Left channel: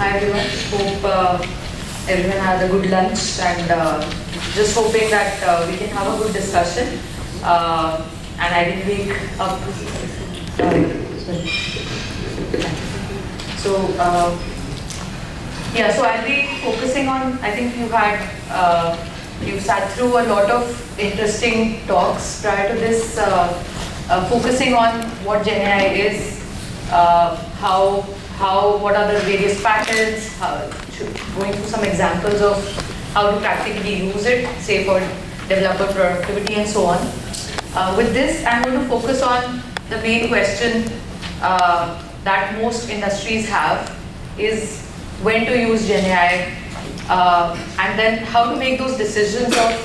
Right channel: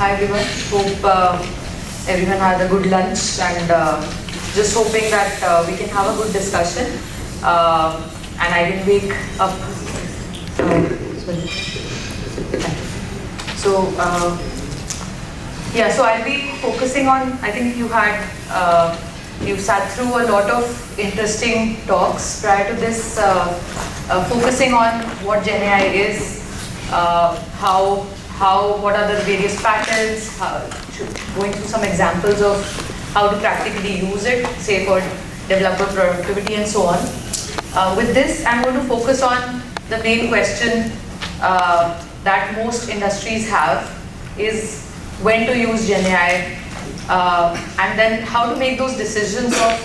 Hi everyone. Hope everyone had a good lunch and just hoping that we can have a good discussion. And I didn't wake up. So yeah, so I'll be focusing on. I think you've sat through a lot of interesting talks prior to this, focusing on what GenAI is, what are the various patterns, going through some examples of how to practically use it, say for developer productivity and so on. With this, I'm going to focus on the main question that most industries have is when to use GenAI, and then how to make those decisions of,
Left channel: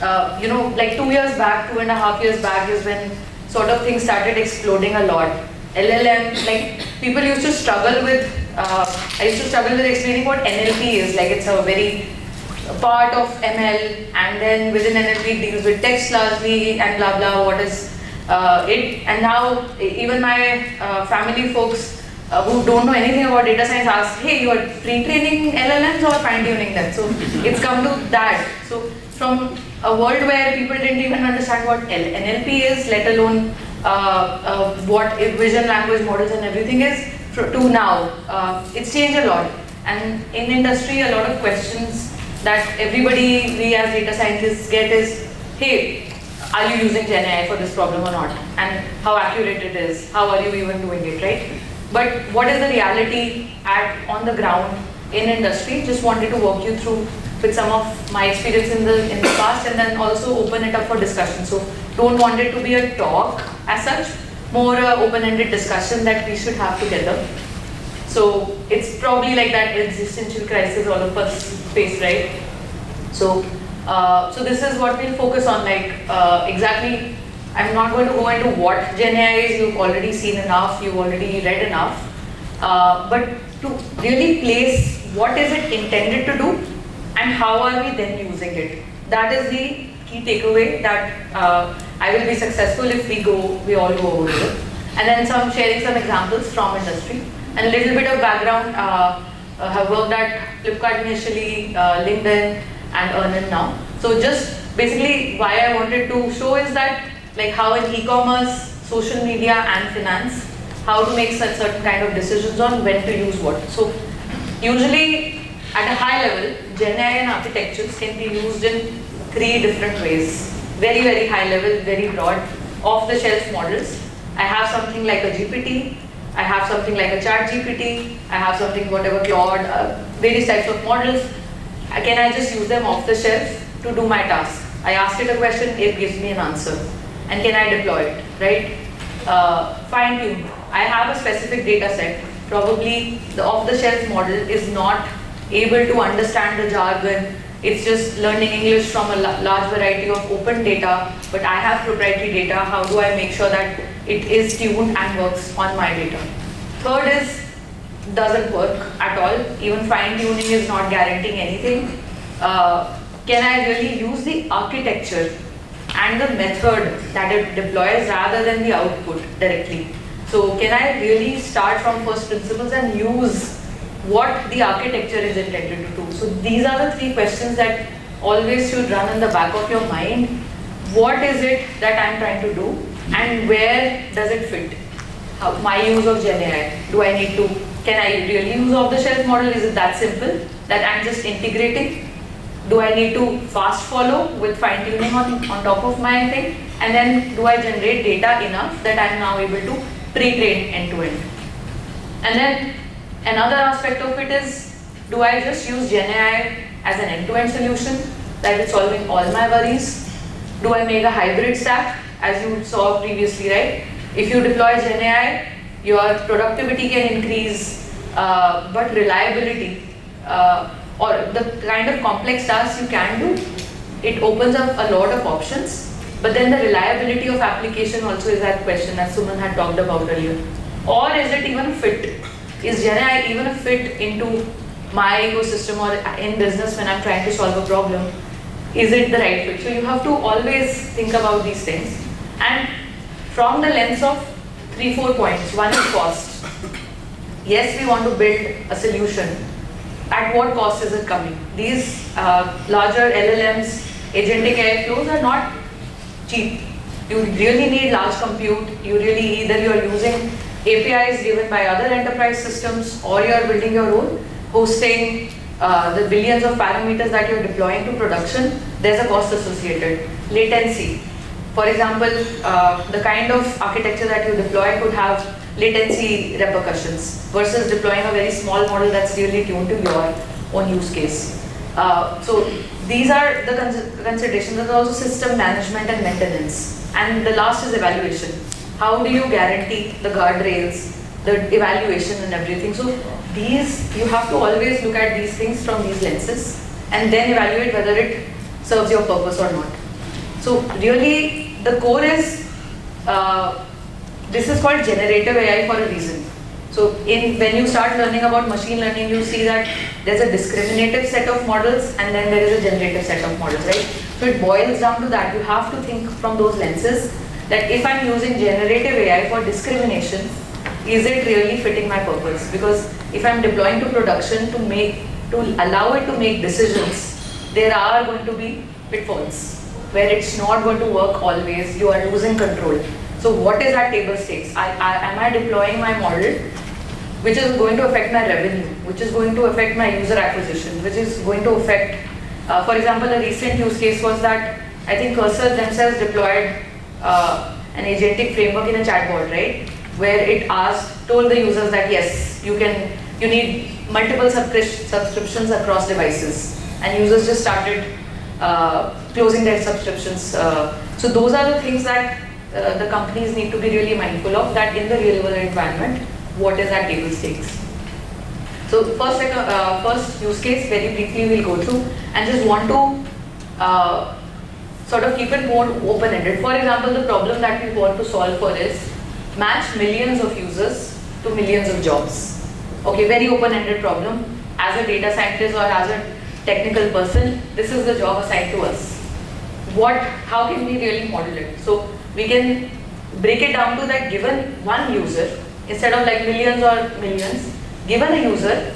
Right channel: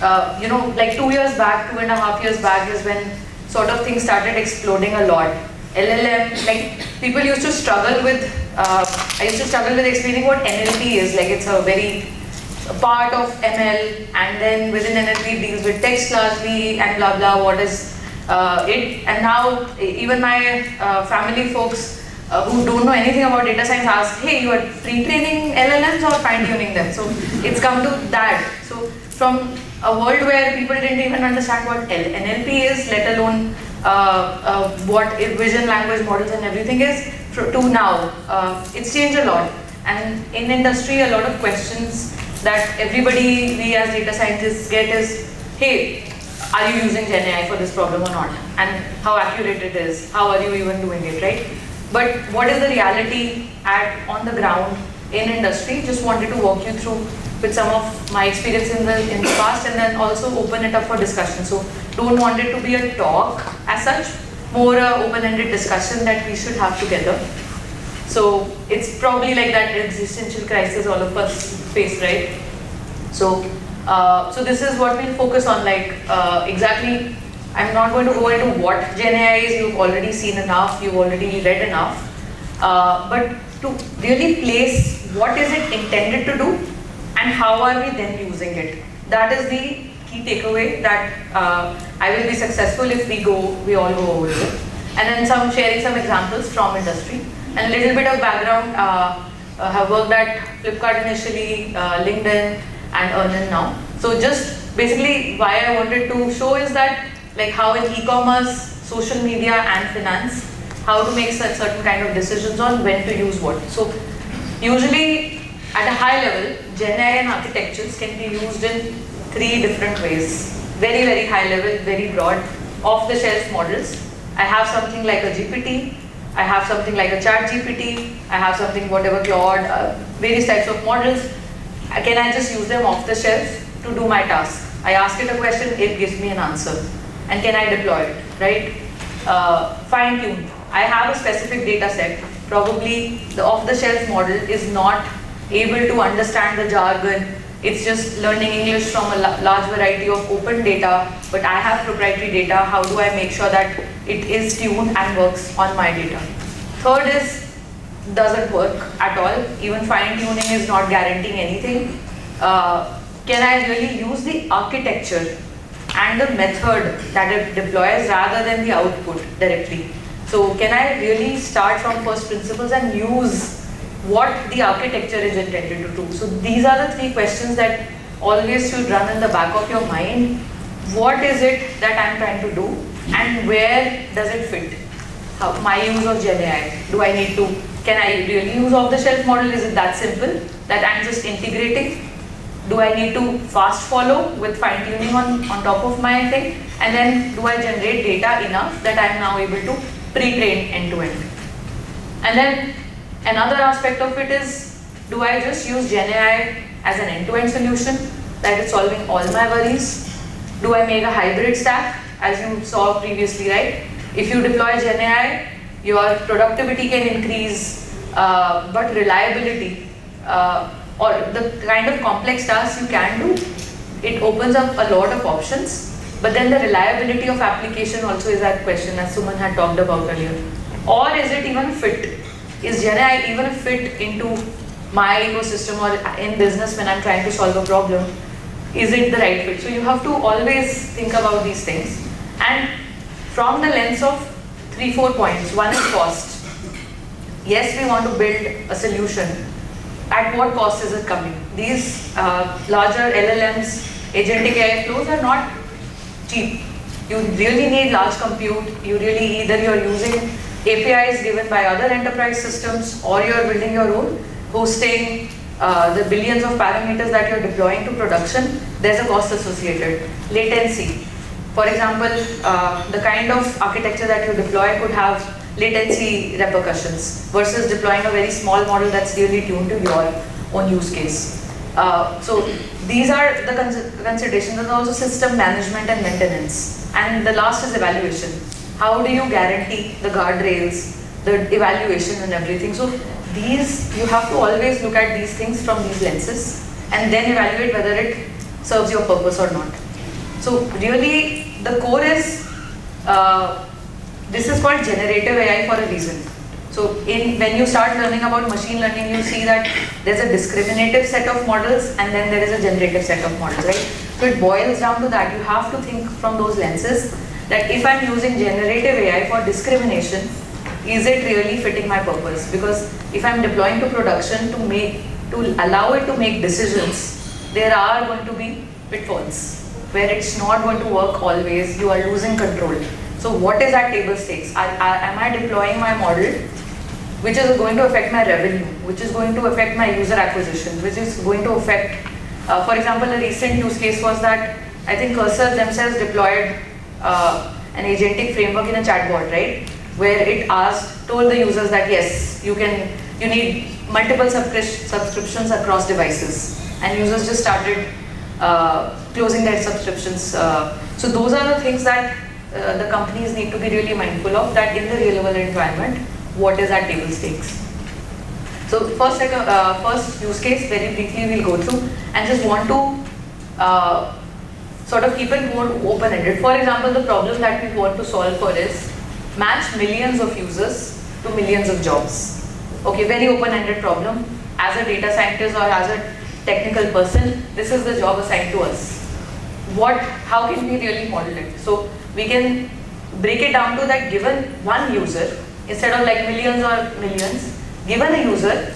like 2 years back, 2.5 years back is when sort of things started exploding a lot. LLM, like people used to struggle with, I used to struggle with explaining what NLP is, like it's a very part of ML, and then within NLP deals with text largely and blah blah, what is it, and now even my family folks who don't know anything about data science ask, hey, you are pre-training LLMs or fine-tuning them? So it's come to that. So from a world where people didn't even understand what NLP is, let alone what vision language models and everything is, to now, it's changed a lot. And in industry, a lot of questions that everybody, we as data scientists get is, hey, are you using GenAI for this problem or not? And how accurate it is, how are you even doing it, right? But what is the reality on the ground in industry? Just wanted to walk you through with some of my experience in the past, and then also open it up for discussion. So don't want it to be a talk as such, more open-ended discussion that we should have together. So it's probably like that existential crisis all of us face, right? So so this is what we'll focus on, like exactly. I'm not going to go into what GenAI is, you've already seen enough, you've already read enough, but to really place what is it intended to do and how are we then using it. That is the key takeaway, that I will be successful if we all go over it. And then sharing some examples from industry and a little bit of background. Have worked at Flipkart initially, LinkedIn and Earnin now. So just basically why I wanted to show is that like how in e-commerce, social media and finance, how to make such certain kind of decisions on when to use what. So usually at a high level, GenAI and architectures can be used in 3 different ways. Very, very high level, very broad, off-the-shelf models. I have something like a GPT, I have something like a ChatGPT, I have something whatever Claude, various types of models. Can I just use them off the shelf to do my task? I ask it a question, it gives me an answer. And can I deploy it, right? Fine-tune. I have a specific data set. Probably the off-the-shelf model is not able to understand the jargon. It's just learning English from a large variety of open data, but I have proprietary data. How do I make sure that it is tuned and works on my data? Third is, doesn't work at all. Even fine-tuning is not guaranteeing anything. Can I really use the architecture and the method that it deploys rather than the output directly? So can I really start from first principles and use what the architecture is intended to do? So these are the 3 questions that always should run in the back of your mind. What is it that I'm trying to do and where does it fit? My use of GenAI, can I really use off-the-shelf model? Is it that simple that I'm just integrating? Do I need to fast follow with fine-tuning on top of my thing? And then do I generate data enough that I'm now able to pre-train end-to-end? And then another aspect of it is, do I just use GenAI as an end-to-end solution that is solving all my worries? Do I make a hybrid stack, as you saw previously, right? If you deploy GenAI, your productivity can increase, but reliability, or the kind of complex tasks you can do, it opens up a lot of options. But then the reliability of application also is that question, as Suman had talked about earlier. Or is it even fit? Is GenAI even a fit into my ecosystem or in business when I'm trying to solve a problem? Is it the right fit? So you have to always think about these things. And from the lens of 3-4 points. One is cost. yes, we want to build a solution. At what cost is it coming? These larger LLMs, agentic AI flows are not cheap. You really need large compute. You really either you're using APIs given by other enterprise systems, or you're building your own, hosting the billions of parameters that you're deploying to production. There's a cost associated. Latency. For example, the kind of architecture that you deploy could have latency repercussions versus deploying a very small model that's really tuned to your own use case. So these are the considerations. There's also system management and maintenance. And the last is evaluation. How do you guarantee the guardrails, the evaluation and everything? So these, you have to always look at these things from these lenses and then evaluate whether it serves your purpose or not. So really, the core is, this is called generative AI for a reason. So when you start learning about machine learning, you see that there's a discriminative set of models and then there is a generative set of models, right? So it boils down to that. You have to think from those lenses that if I'm using generative AI for discrimination, is it really fitting my purpose? Because if I'm deploying to production to allow it to make decisions, there are going to be pitfalls where it's not going to work always. You are losing control. So what is at table stakes? Am I deploying my model which is going to affect my revenue, which is going to affect my user acquisition, which is going to affect, for example, a recent use case was that I think Cursor themselves deployed an agentic framework in a chatbot, right? Where it told the users that yes, you need multiple subscriptions across devices, and users just started closing their subscriptions. So those are the things that the companies need to be really mindful of, that in the real world environment, what is at table stakes. So first use case, very briefly we'll go through, and just want to sort of keep it more open-ended. For example, the problem that we want to solve for is match millions of users to millions of jobs. Okay, very open-ended problem. As a data scientist or as a technical person, this is the job assigned to us. How can we really model it? So we can break it down to that given one user, instead of like millions or millions, given a user,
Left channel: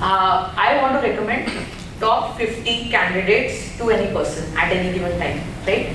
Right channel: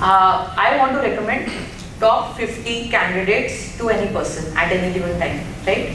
I want to recommend top 50 candidates to any person at any given time, right?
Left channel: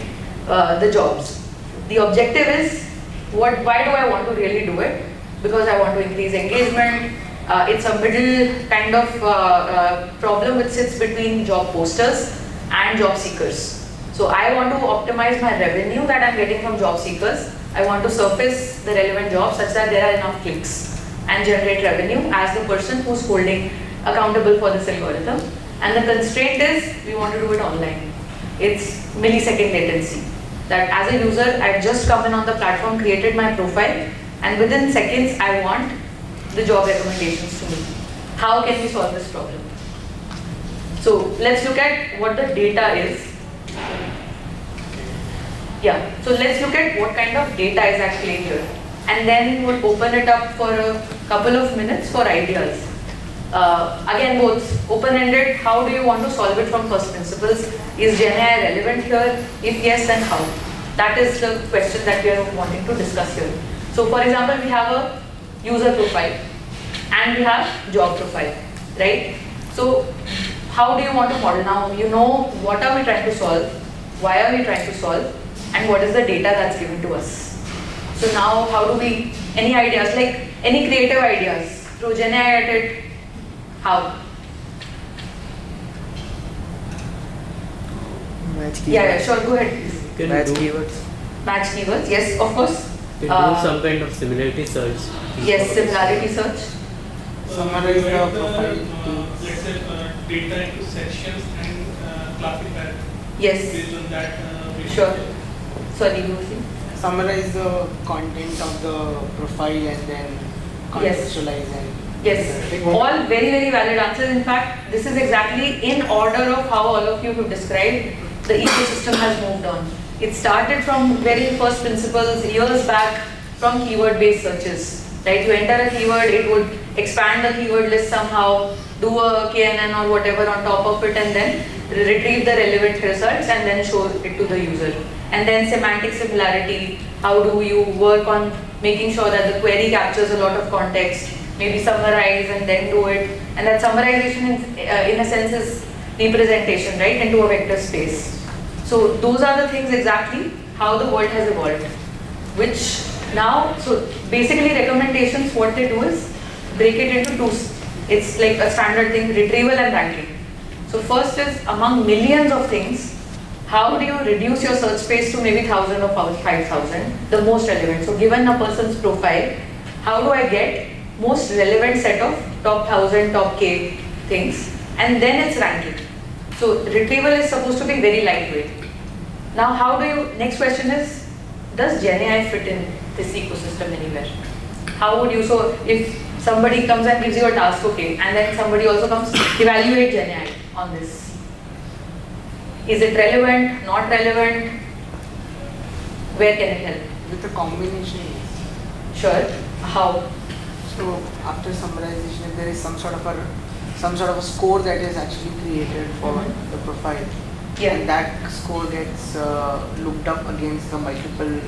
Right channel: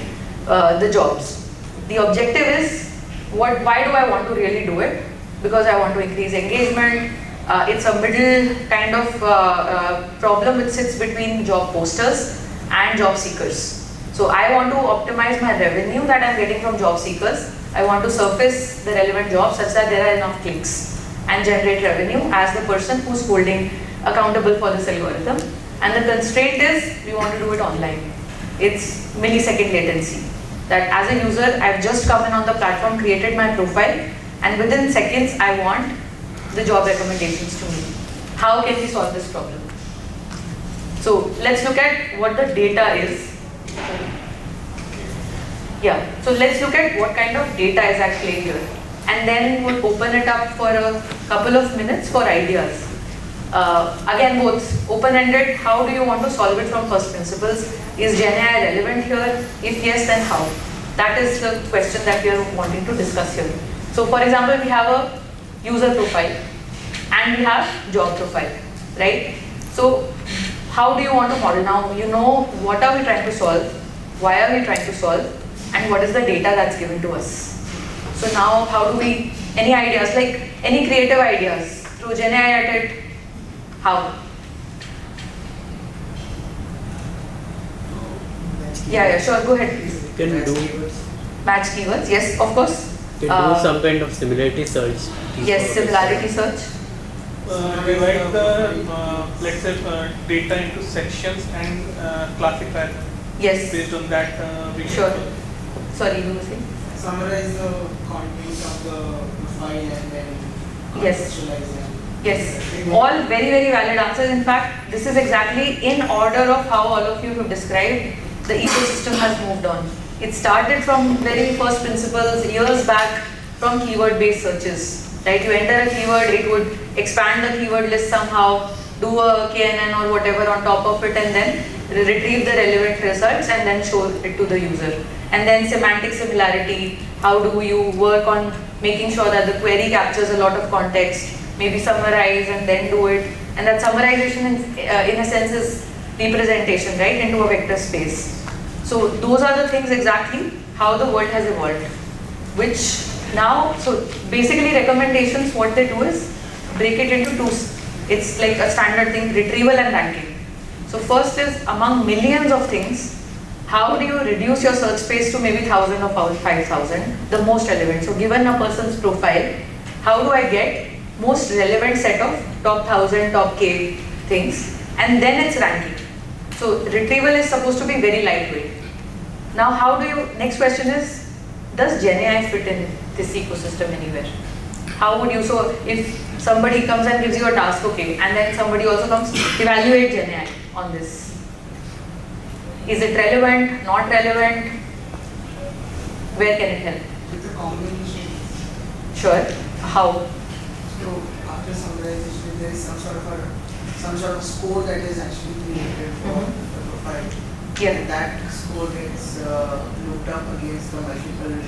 The jobs. The objective is, why do I want to really do it? Because I want to increase engagement. It's a middle kind of problem which sits between job posters and job seekers. So I want to optimize my revenue that I'm getting from job seekers. I want to surface the relevant jobs such that there are enough clicks and generate revenue as the person who's holding accountable for this algorithm. And the constraint is, we want to do it online. It's millisecond latency. That as a user, I've just come in on the platform, created my profile, and within seconds, I want the job recommendations to me. How can we solve this problem? So let's look at what the data is. Yeah, so let's look at what kind of data is at play here. And then we'll open it up for a couple of minutes for ideas. Again, both open-ended, how do you want to solve it from first principles? Is GenAI relevant here? If yes, then how? That is the question that we are wanting to discuss here. So for example, we have a user profile and we have job profile, right? So how do you want to model? Now you know what are we trying to solve, why are we trying to solve, and what is the data that's given to us. So now how do we, any ideas, like any creative ideas, throw GenAI at it, how? Yeah, sure, go ahead please. You can Match do keywords. Match keywords, yes, of course. You can do some kind of similarity search. Yes, similarity search. Divide the, let's say, data into sections and classify Yes, based on that. sure. Sorry, you were saying? Summarize the content of the profile and then Yes. contextualize it. Yes, all very, very valid answers. In fact, this is exactly in order of how all of you have described the ecosystem has moved on. It started from very first principles years back from keyword-based searches. Right? You enter a keyword, it would expand the keyword list somehow, do a KNN or whatever on top of it, and then retrieve the relevant results and then show it to the user. And then semantic similarity, how do you work on making sure that the query captures a lot of context, maybe summarize and then do it. And that summarization in a sense is representation, right, into a vector space. So those are the things exactly how the world has evolved. Which now, so basically recommendations, what they do is break it into two. It's like a standard thing, retrieval and ranking. So first is among millions of things, how do you reduce your search space to maybe 1,000 or 5,000, the most relevant. So given a person's profile, how do I get most relevant set of top 1,000, top K things, and then it's ranking. So retrieval is supposed to be very lightweight. Now how do you, next question is, does GenAI fit in this ecosystem anywhere? How would you, so if somebody comes and gives you a task, okay, and then somebody also comes, evaluate GenAI on this. Is it relevant, not relevant? Where can it help? With the combination. Sure. How? So after summarization, there is some sort of score that is actually created for the profile. Yeah. And that score gets looked up against the multiple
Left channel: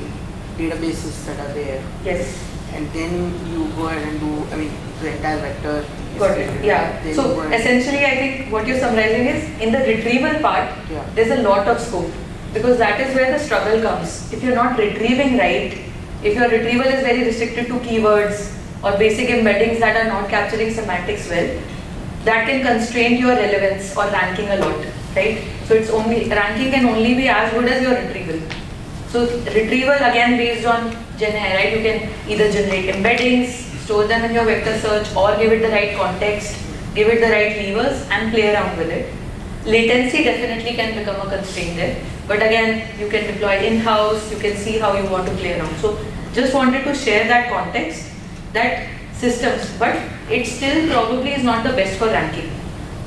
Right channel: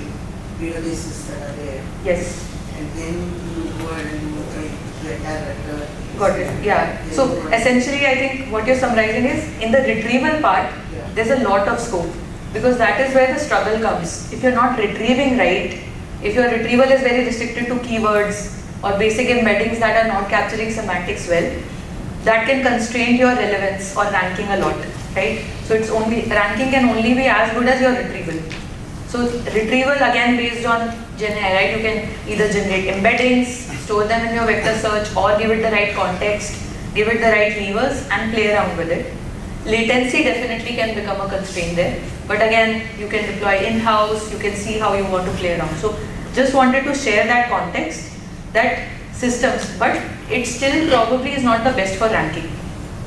databases that are there. Yes. And then you go ahead and do, I mean, the entire vector. Got it. Yeah. Then So you go ahead- essentially, I think what you're summarizing is in the retrieval part, Yeah. there's a lot of scope because that is where the struggle comes. If you're not retrieving right, if your retrieval is very restricted to keywords or basic embeddings that are not capturing semantics well, that can constrain your relevance or ranking a lot, right? So it's only, ranking can only be as good as your retrieval. So retrieval again based on GenAI, right? You can either generate embeddings, store them in your vector search, or give it the right context, give it the right levers and play around with it. Latency definitely can become a constraint there. But again, you can deploy in-house, you can see how you want to play around. So just wanted to share that context, that systems, but it still probably is not the best for ranking.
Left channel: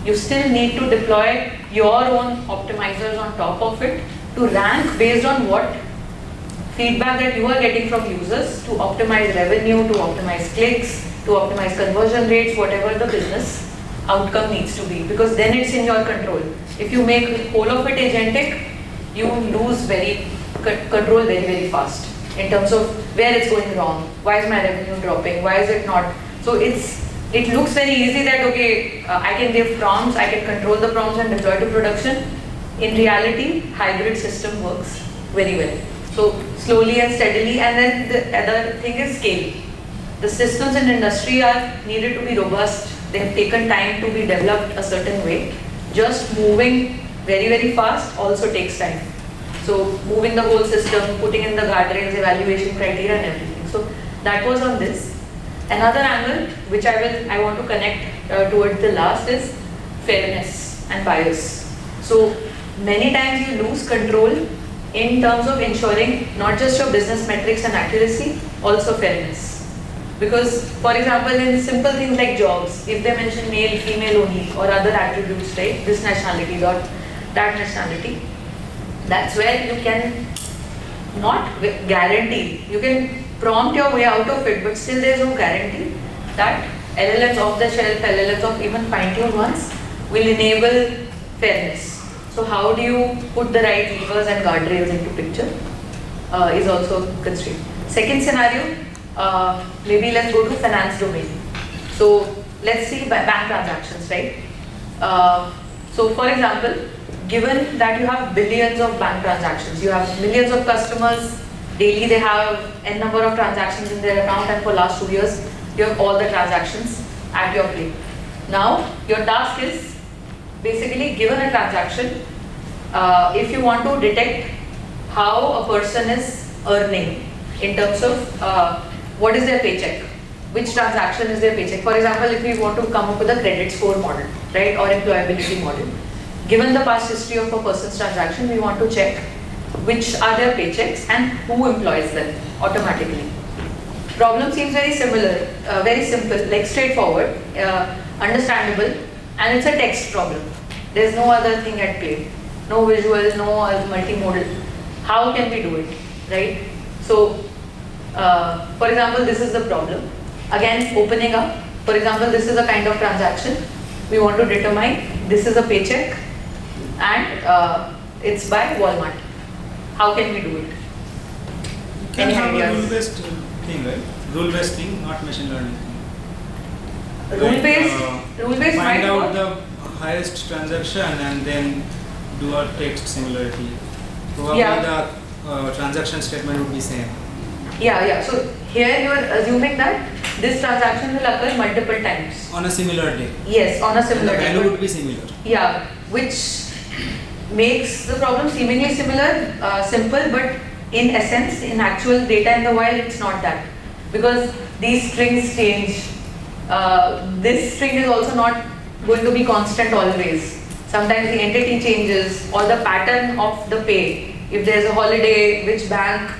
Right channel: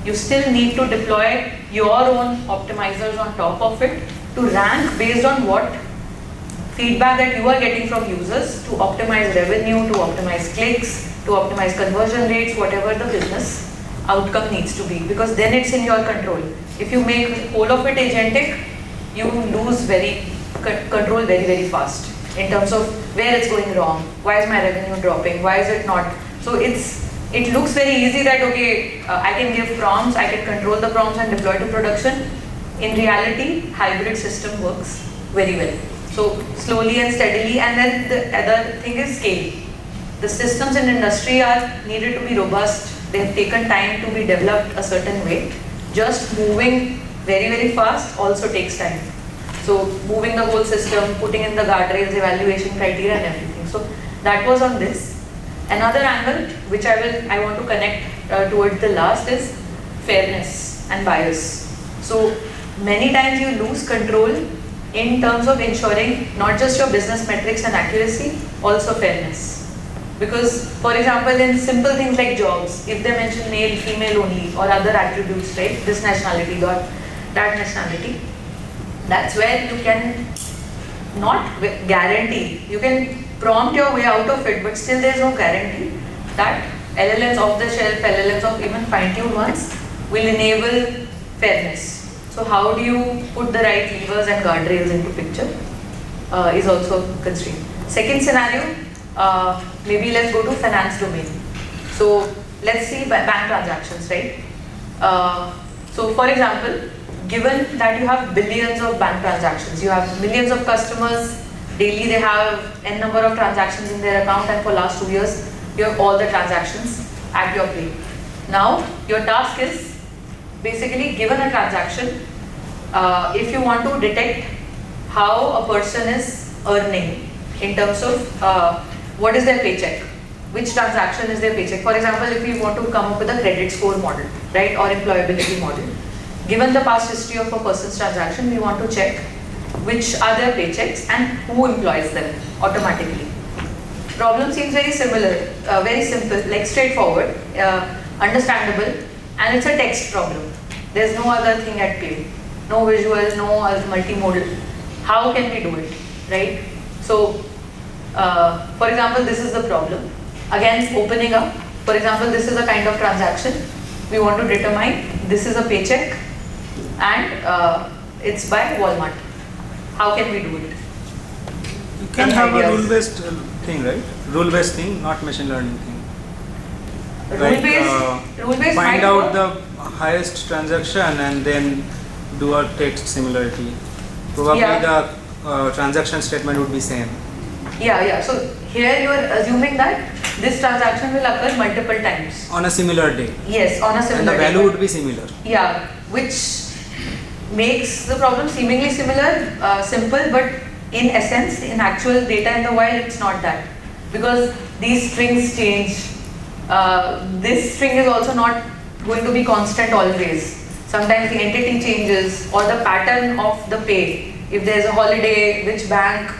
You still need to deploy your own optimizers on top of it to rank based on what feedback that you are getting from users to optimize revenue, to optimize clicks, to optimize conversion rates, whatever the business outcome needs to be, because then it's in your control. If you make whole of it agentic, you lose control very fast in terms of where it's going wrong, why is my revenue dropping, why is it not. So it looks very easy that okay, I can give prompts, I can control the prompts and deploy to production. In reality, hybrid system works very well. So slowly and steadily, and then the other thing is scale. The systems in industry are needed to be robust. They have taken time to be developed a certain way. Just moving very fast also takes time. So moving the whole system, putting in the guardrails, evaluation criteria and everything. So that was on this. Another angle which I want to connect towards the last is fairness and bias. So many times you lose control in terms of ensuring not just your business metrics and accuracy, also fairness. Because, for example, in simple things like jobs, if they mention male, female only, or other attributes, right, this nationality or that nationality, that's where you can not guarantee, you can prompt your way out of it, but still there's no guarantee that LLMs off the shelf, LLMs of even fine-tuned ones will enable fairness. So how do you put the right levers and guardrails into picture is also constrained. Second scenario, maybe let's go to finance domain. So let's see bank transactions, right? So for example, given that you have billions of bank transactions, you have millions of customers, daily they have n number of transactions in their account, and for last 2 years, you have all the transactions at your plate. Now, your task is basically given a transaction, if you want to detect how a person is earning in terms of what is their paycheck, which transaction is their paycheck. For example, if you want to come up with a credit score model, right, or employability model, given the past history of a person's transaction, we want to check which are their paychecks and who employs them automatically. Problem seems very similar, very simple, like straightforward, understandable, and it's a text problem. There's no other thing at play, no visual, no multimodal. How can we do it, right? So, for example, this is the problem. Again, opening up. For example, this is a kind of transaction. We want to determine this is a paycheck, and it's by Walmart. How can we do it? You can Any have ideas? a rule-based thing, right? Rule-based thing, not machine learning thing. Rule-based find might out work. the highest transaction and then do a text similarity. Probably Yeah. the transaction statement would be same. Yeah. So here you are assuming that this transaction will occur multiple times. On a similar day. Yes, on a And similar the day. value would be similar. Yeah, which makes the problem seemingly simple, but in essence, in actual data in the wild, it's not that. Because these strings change. This string is also not going to be constant always. Sometimes the entity changes or the pattern of the pay. If there's a holiday, which bank,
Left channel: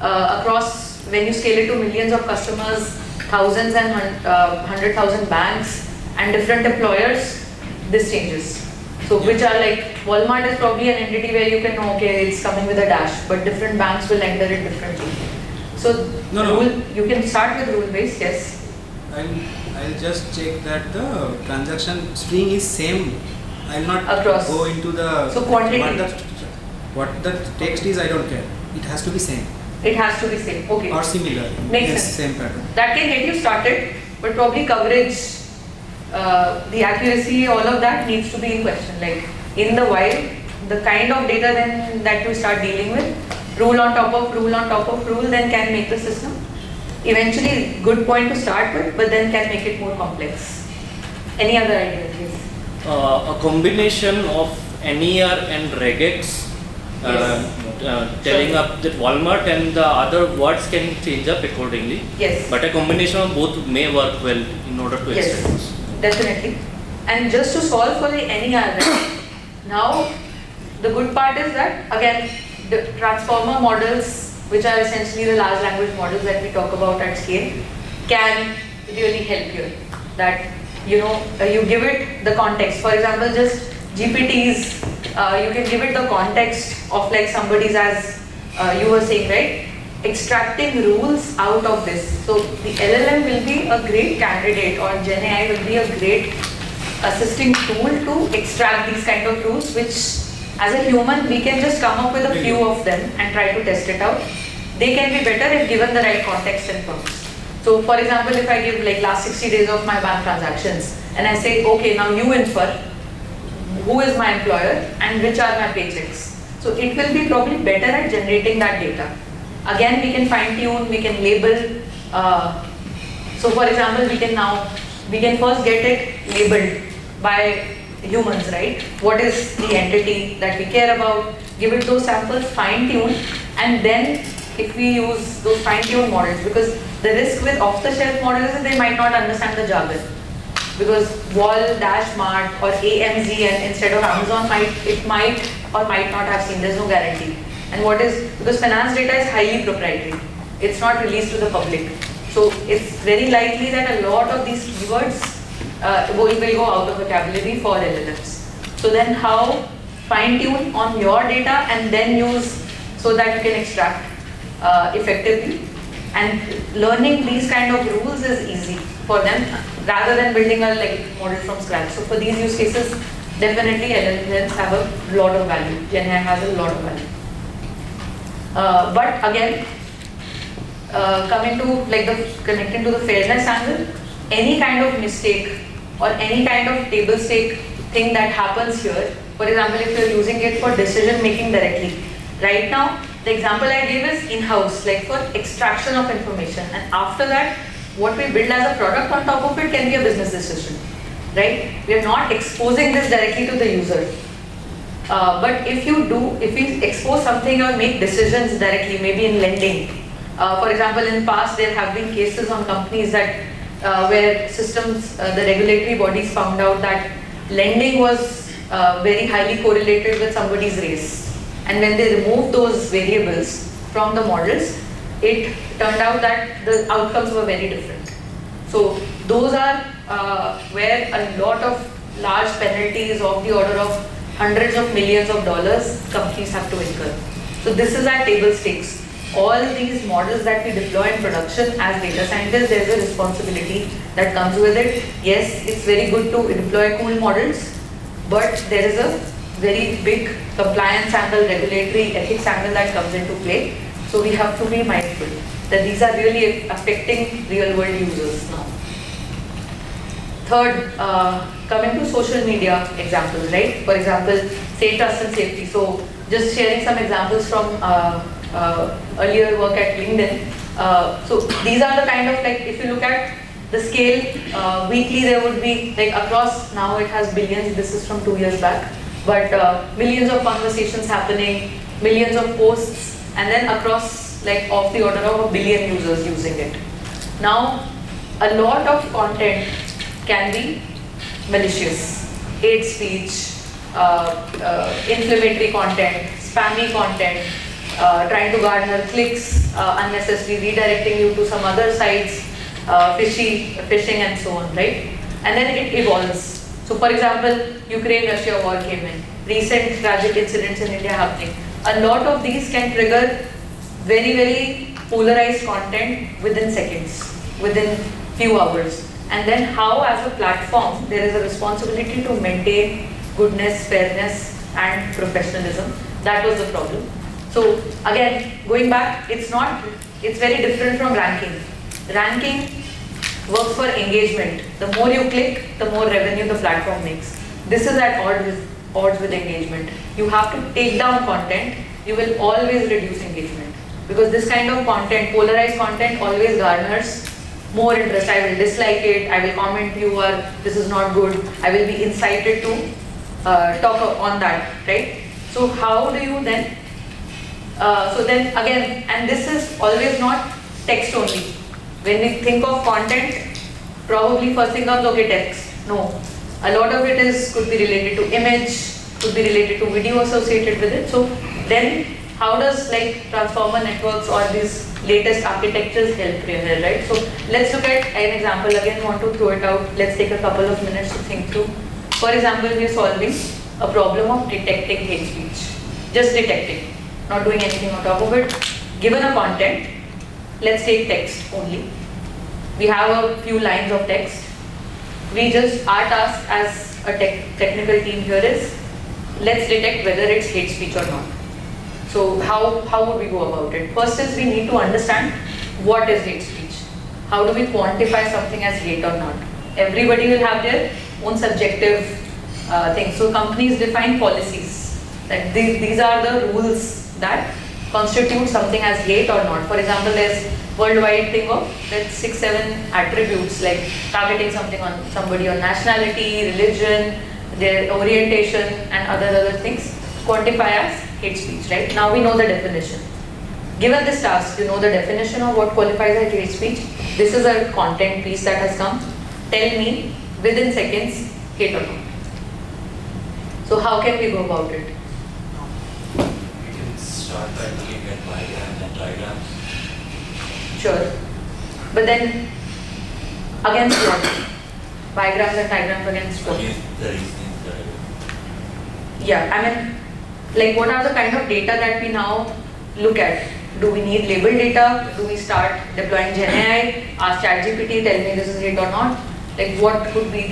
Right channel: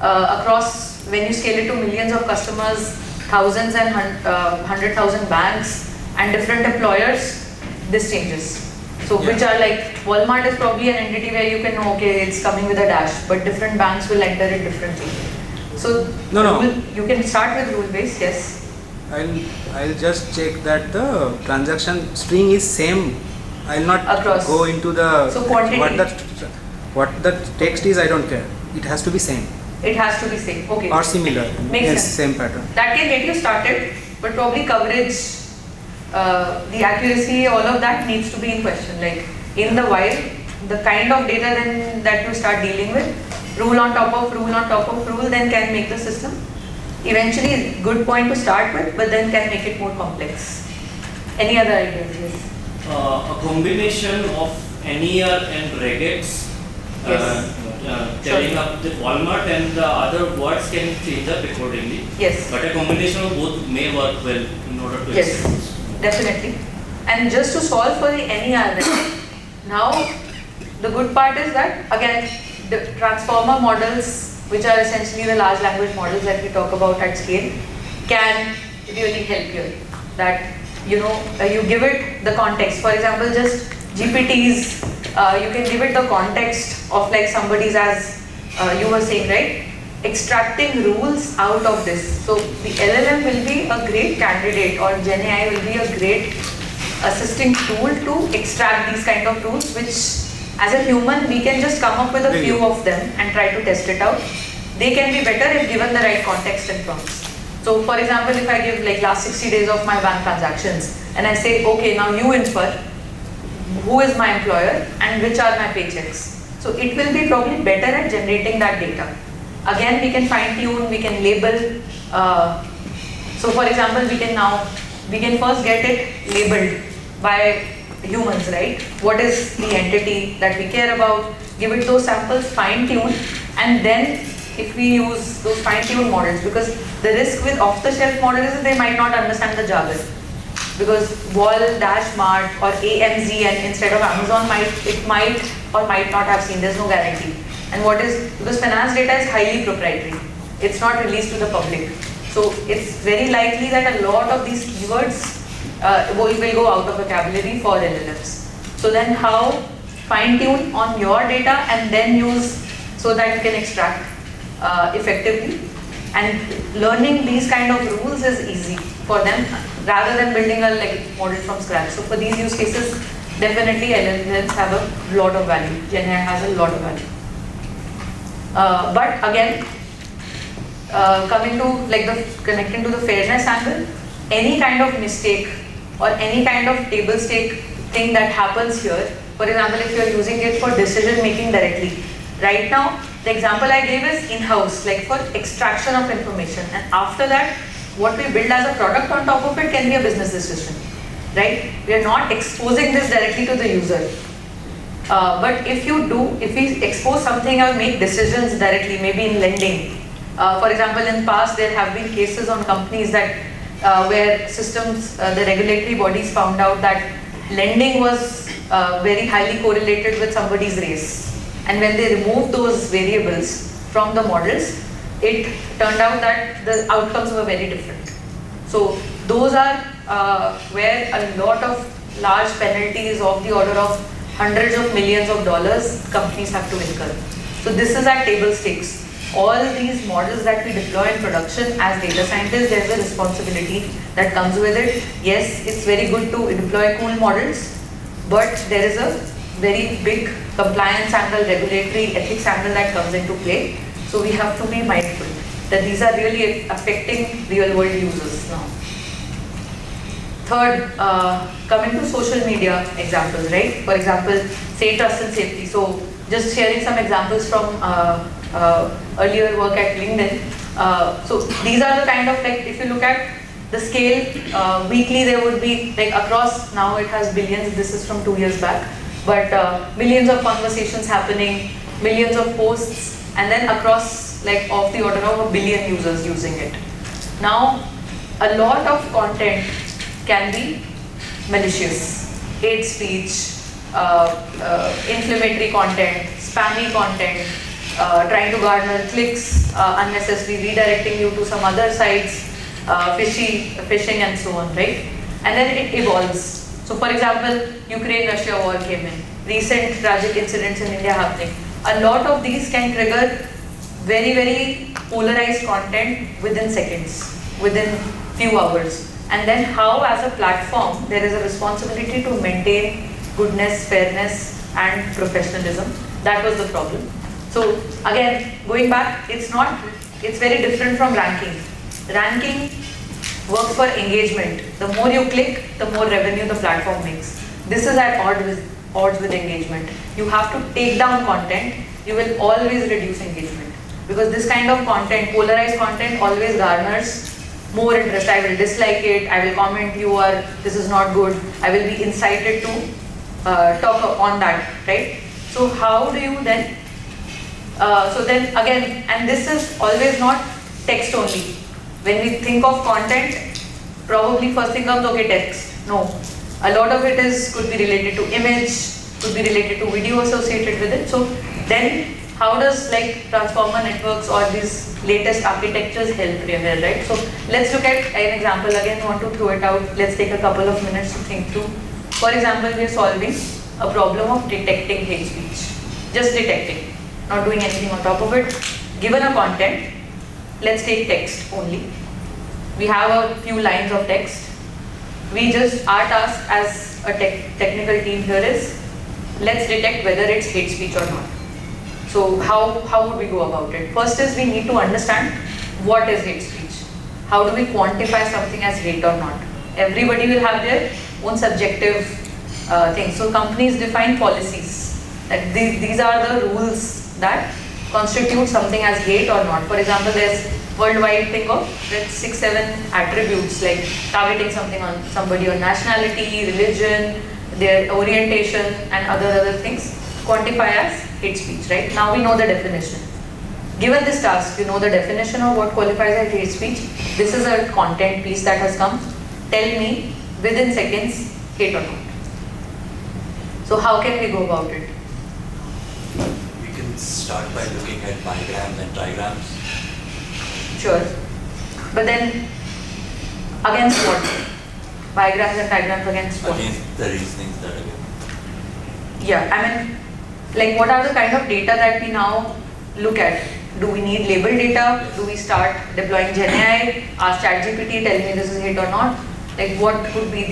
across, when you scale it to millions of customers, thousands and 100,000 banks and different employers, this changes. So which are like, Walmart is probably an entity where you can know, okay, it's coming with a dash, but different banks will enter it differently. So No. you can start with rule-based, yes. I'll just check that the transaction string is same. I'll not Across. go into the So quantity. what the text is. I don't care. It has to be same It has to be same, okay. or similar. Makes Yes, sense. same pattern. That can get you started, but probably coverage, the accuracy, all of that needs to be in question. Like in the wild, the kind of data then that you start dealing with, rule on top of rule on top of rule, then can make the system eventually good point to start with, but then can make it more complex. Any other ideas? Yes. A combination of NER and regex telling up the Walmart and the other words can change up accordingly. Yes. But a combination of both may work well in order to Yes, extend this. definitely. And just to solve for the NER, now the good part is that again the transformer models, which are essentially the large language models that we talk about at scale, can really help you. That you give it the context. For example, just GPTs, you can give it the context of like somebody's, as you were saying, right? Extracting rules out of this. So the LLM will be a great candidate, or GenAI will be a great assisting tool to extract these kind of rules, which as a human we can just come up with a few of them and try to test it out. They can be better if given the right context and prompts. So for example, if I give like last 60 days of my bank transactions and I say, okay, now you infer who is my employer and which are my paychecks. So it will be probably better at generating that data. Again, we can fine tune, we can label. So for example, we can first get it labeled by humans, right? What is the entity that we care about? Give it those samples, fine tune, and then if we use those fine-tuned models, because the risk with off-the-shelf models is they might not understand the jargon. Because Wall, Dash, Mart or AMZ and instead of Amazon might or might not have seen, there's no guarantee. And because finance data is highly proprietary, it's not released to the public. So it's very likely that a lot of these keywords will go out of vocabulary for LLMs. So then how fine-tune on your data and then use so that you can extract effectively, and learning these kind of rules is easy for them rather than building a model from scratch. So for these use cases, definitely LLMs have a lot of value. GenAI has a lot of value. But again, coming to connecting to the fairness angle, any kind of mistake or any kind of table stake thing that happens here, for example, if you're using it for decision making directly, right now, the example I gave is in-house, like for extraction of information, and after that, what we build as a product on top of it can be a business decision, right? We are not exposing this directly to the user. But if we expose something or make decisions directly, maybe in lending. For example, in past there have been cases on companies that where systems, the regulatory bodies found out that lending was very highly correlated with somebody's race. And when they removed those variables from the models, it turned out that the outcomes were very different. So those are where a lot of large penalties of the order of hundreds of millions of dollars companies have to incur. So this is our table stakes. All these models that we deploy in production as data scientists, there's a responsibility that comes with it. Yes, it's very good to deploy cool models, but there is a very big compliance angle, regulatory ethics angle that comes into play. So we have to be mindful that these are really affecting real world users now. Third, coming to social media example, right? For example, say trust and safety. So just sharing some examples from earlier work at LinkedIn. So these are the kind of like, if you look at the scale, weekly there would be like across, now it has billions, this is from 2 years back, but millions of conversations happening, millions of posts, and then across like of the order of 1 billion users using it. Now, a lot of content can be malicious, hate speech, inflammatory content, spammy content, trying to garner clicks, unnecessarily redirecting you to some other sites, phishing and so on, right? And then it evolves. So for example, Ukraine-Russia war came in, recent tragic incidents in India happening. A lot of these can trigger very, very polarized content within seconds, within few hours. And then how as a platform, there is a responsibility to maintain goodness, fairness and professionalism. That was the problem. So again, going back, it's very different from ranking. Ranking works for engagement. The more you click, the more revenue the platform makes. This is at odds with engagement. You have to take down content, you will always reduce engagement. Because this kind of content, polarized content, always garners more interest. I will dislike it, I will comment you or this is not good. I will be incited to talk on that, right? So how do you then, so then again, and this is always not text only. When we think of content, probably first thing comes, okay, text. No, a lot of it could be related to image, could be related to video associated with it. So then how does like transformer networks or these latest architectures help Premier, right? So let's look at an example. Again, I want to throw it out. Let's take a couple of minutes to think through. For example, we're solving a problem of detecting hate speech. Just detecting, not doing anything on top of it. Given a content, let's take text only. We have a few lines of text. Our task as a technical team here is, let's detect whether it's hate speech or not. So how would we go about it? First is we need to understand what is hate speech. How do we quantify something as hate or not? Everybody will have their own subjective things. So companies define policies. Like these are the rules that constitute something as hate or not. For example, there's worldwide thing of like 6-7 attributes like targeting something on somebody on nationality, religion, their orientation and other things quantify as hate speech, right? Now we know the definition. Given this task, you know the definition of what qualifies as hate speech. This is a content piece that has come. Tell me within seconds, hate or not. So how can we go about it? We can start by looking at diagrams and diagrams. Sure. But then, against what? Diagrams and diagrams against what? Against the reasonings that are given. Yeah, I mean, like what are the kind of data that we now look at? Do we need label data? Do we start deploying GenAI? Ask ChatGPT, tell me this is hate or not? Like what could be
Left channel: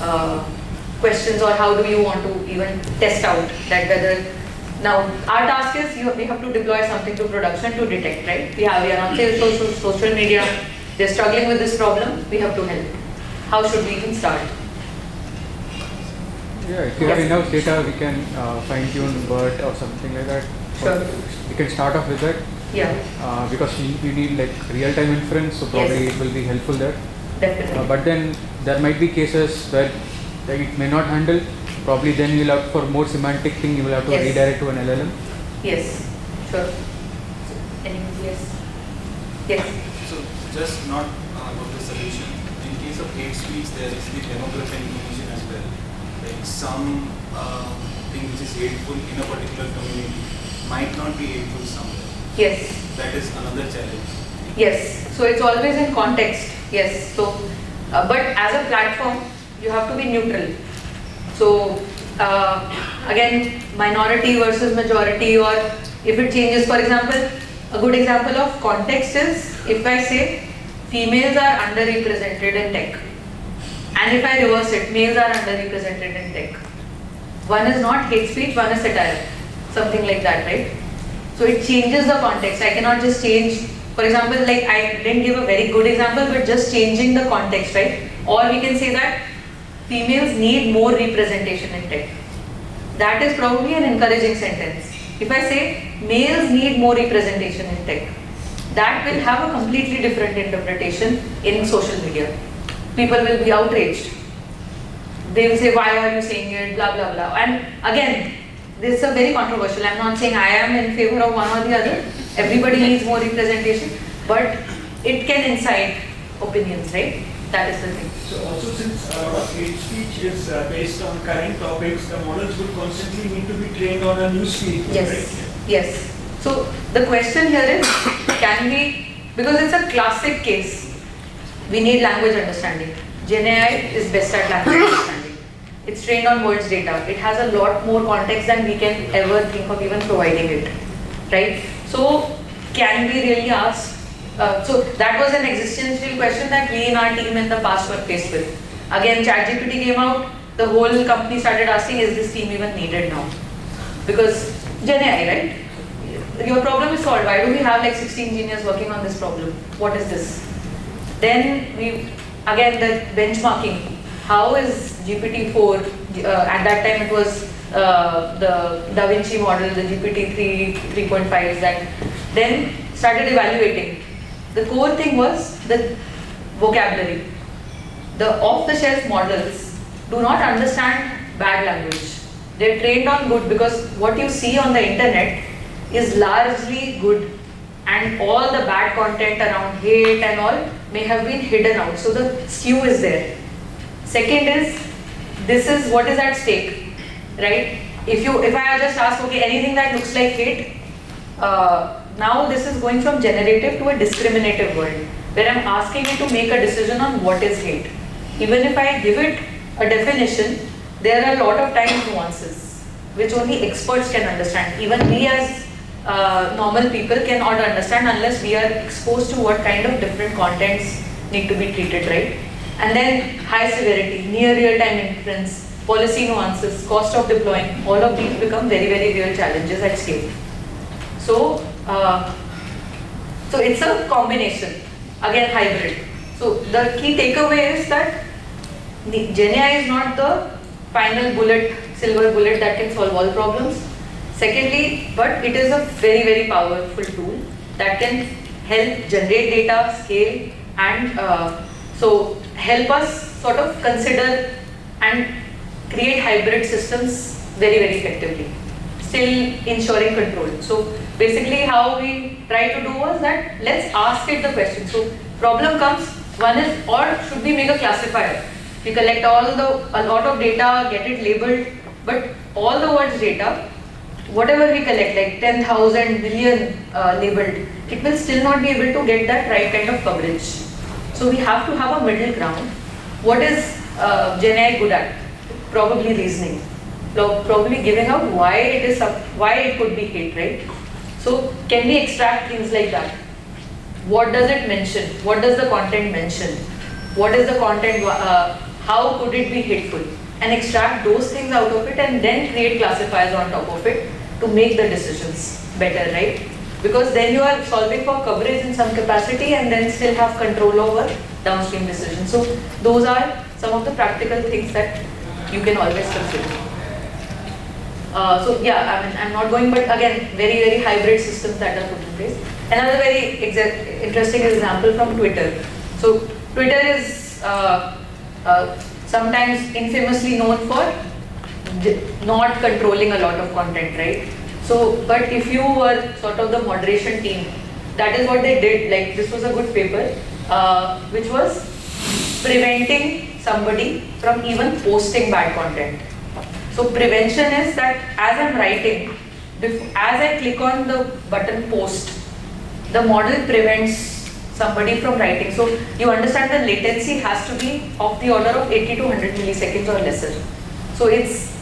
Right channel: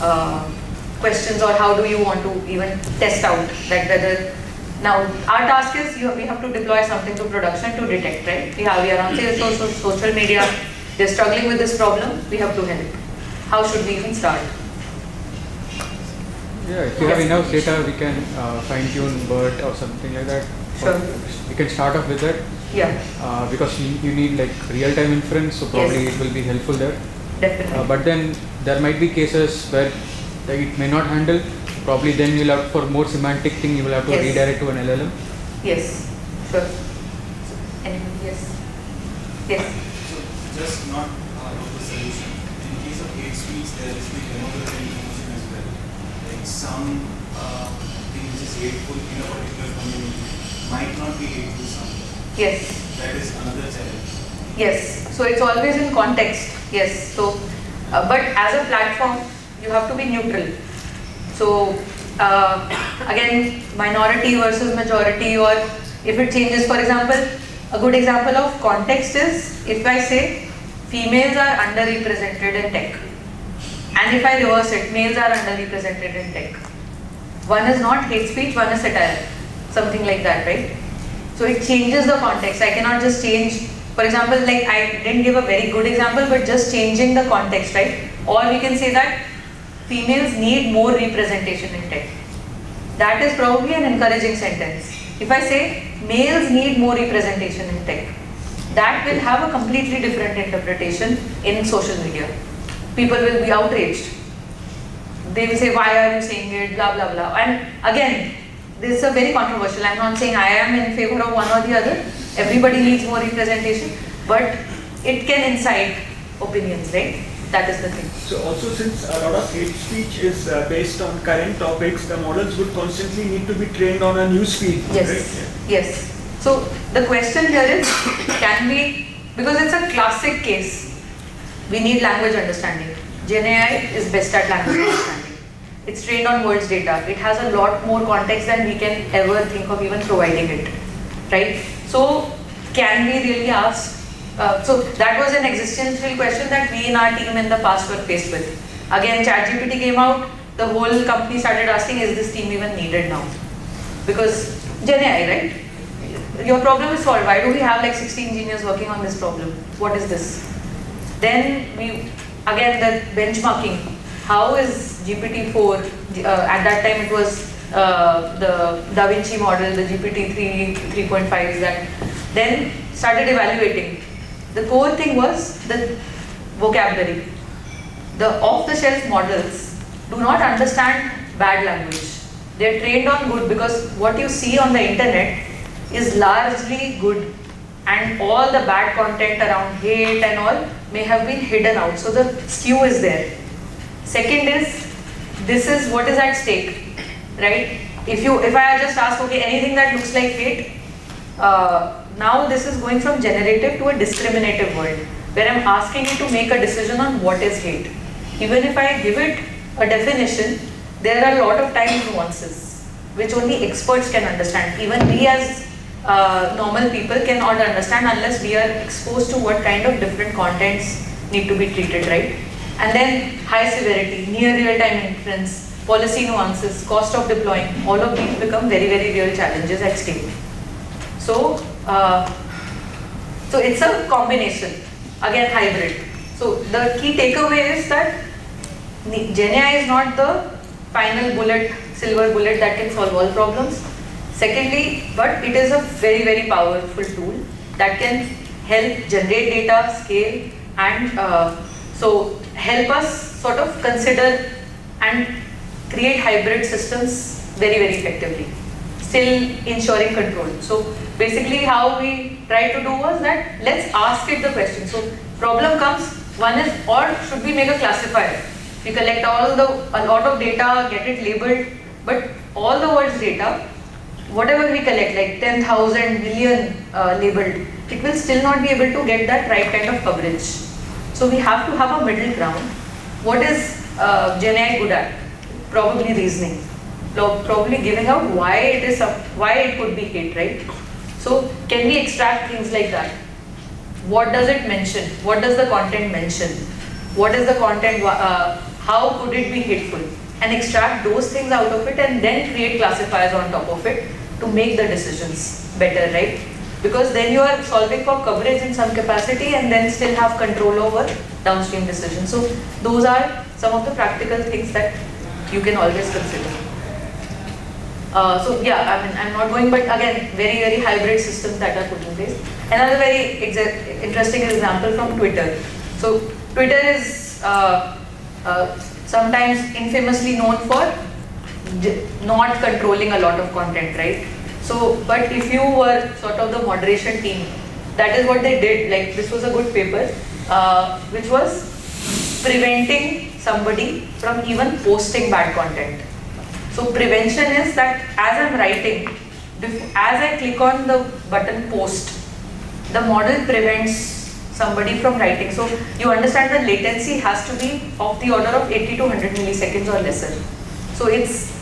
the questions, or how do you want to even test out that whether. Now, our task is we have to deploy something to production to detect, right? We are on social media, they're struggling with this problem, we have to help. How should we even start? Yeah, if you have enough data, we can fine-tune BERT or something like that. Sure. We can start off with that. Yeah. Because you need like real-time inference, so probably Yes. it will be helpful there. Definitely. But then there might be cases where like, it may not handle. Probably then you will have, for more semantic thing, you will have to Yes. redirect to an LLM. Yes. Sure. Yes. Yes. So just not about the solution. In case of hate speech, there is the demographic information as well. Like some thing which is hateful in a particular community might not be hateful somewhere. Yes. That is another challenge. Yes. So it's always in context. Yes. So, but as a platform, you have to be neutral. So again, minority versus majority, or if it changes, for example, a good example of context is if I say females are underrepresented in tech, and if I reverse it, males are underrepresented in tech. One is not hate speech, one is satire, something like that, right? So it changes the context. I cannot just change, for example, like I didn't give a very good example, but just changing the context, right? Or we can say that females need more representation in tech. That is probably an encouraging sentence. If I say males need more representation in tech, that will have a completely different interpretation in social media. People will be outraged. They will say, why are you saying it, blah, blah, blah. And again, this is a very controversial. I'm not saying I am in favor of one or the other. Everybody needs more representation, but it can incite opinions, right? That is the thing. So also, since a lot of hate speech is based on current topics, the models would constantly need to be trained on a news feed, Yes, right? yes. So the question here is, can we, because it's a classic case, we need language understanding. GenAI is best at language understanding. It's trained on words data. It has a lot more context than we can ever think of even providing it, right? So can we really ask? So that was an existential question that we in our team in the past were faced with. Again, ChatGPT came out, the whole company started asking, is this team even needed now? Because GenAI, right? Your problem is solved. Why do we have like 60 engineers working on this problem? What is this? Then we, again, the benchmarking. How is GPT-4, at that time it was the Da Vinci model, the GPT-3, 3.5s that then started evaluating. The core thing was the vocabulary. The off-the-shelf models do not understand bad language. They're trained on good because what you see on the internet is largely good and all the bad content around hate and all may have been hidden out. So the skew is there. Second is, this is what is at stake, right? If I just ask, okay, anything that looks like hate, now this is going from generative to a discriminative world, where I'm asking it to make a decision on what is hate. Even if I give it a definition, there are a lot of time nuances, which only experts can understand. Even we as normal people cannot understand unless we are exposed to what kind of different contents need to be treated, right? And then high severity, near real-time inference, policy nuances, cost of deploying, all of these become very, very real challenges at scale. So, so it's a combination, again hybrid. So the key takeaway is that GenAI is not the final bullet, silver bullet that can solve all problems. Secondly, but it is a very, very powerful tool that can help generate data, scale, and so help us sort of consider and create hybrid systems very, very effectively, still ensuring control. So basically how we try to do was that let's ask it the question. So problem comes, one is, or should we make a classifier? We collect a lot of data, get it labeled, but all the words data, whatever we collect, like 10,000 billion labeled, it will still not be able to get that right kind of coverage. So we have to have a middle ground. What is GenAI good at? Probably reasoning. Probably giving out why it could be hate, right? So can we extract things like that? What does it mention? What does the content mention? What is the content? How could it be hateful? And extract those things out of it and then create classifiers on top of it to make the decisions better, right? Because then you are solving for coverage in some capacity and then still have control over downstream decisions. So those are some of the practical things that you can always consider. So yeah, I mean, I'm not going, but again, very, very hybrid systems that are put in place. Another very interesting example from Twitter. So Twitter is sometimes infamously known for not controlling a lot of content, right? So, but if you were sort of the moderation team, that is what they did. Like this was a good paper, which was preventing somebody from even posting bad content. So prevention is that as I'm writing, as I click on the button post, the model prevents somebody from writing. So you understand the latency has to be of the order of 80 to 100 milliseconds or lesser. So it's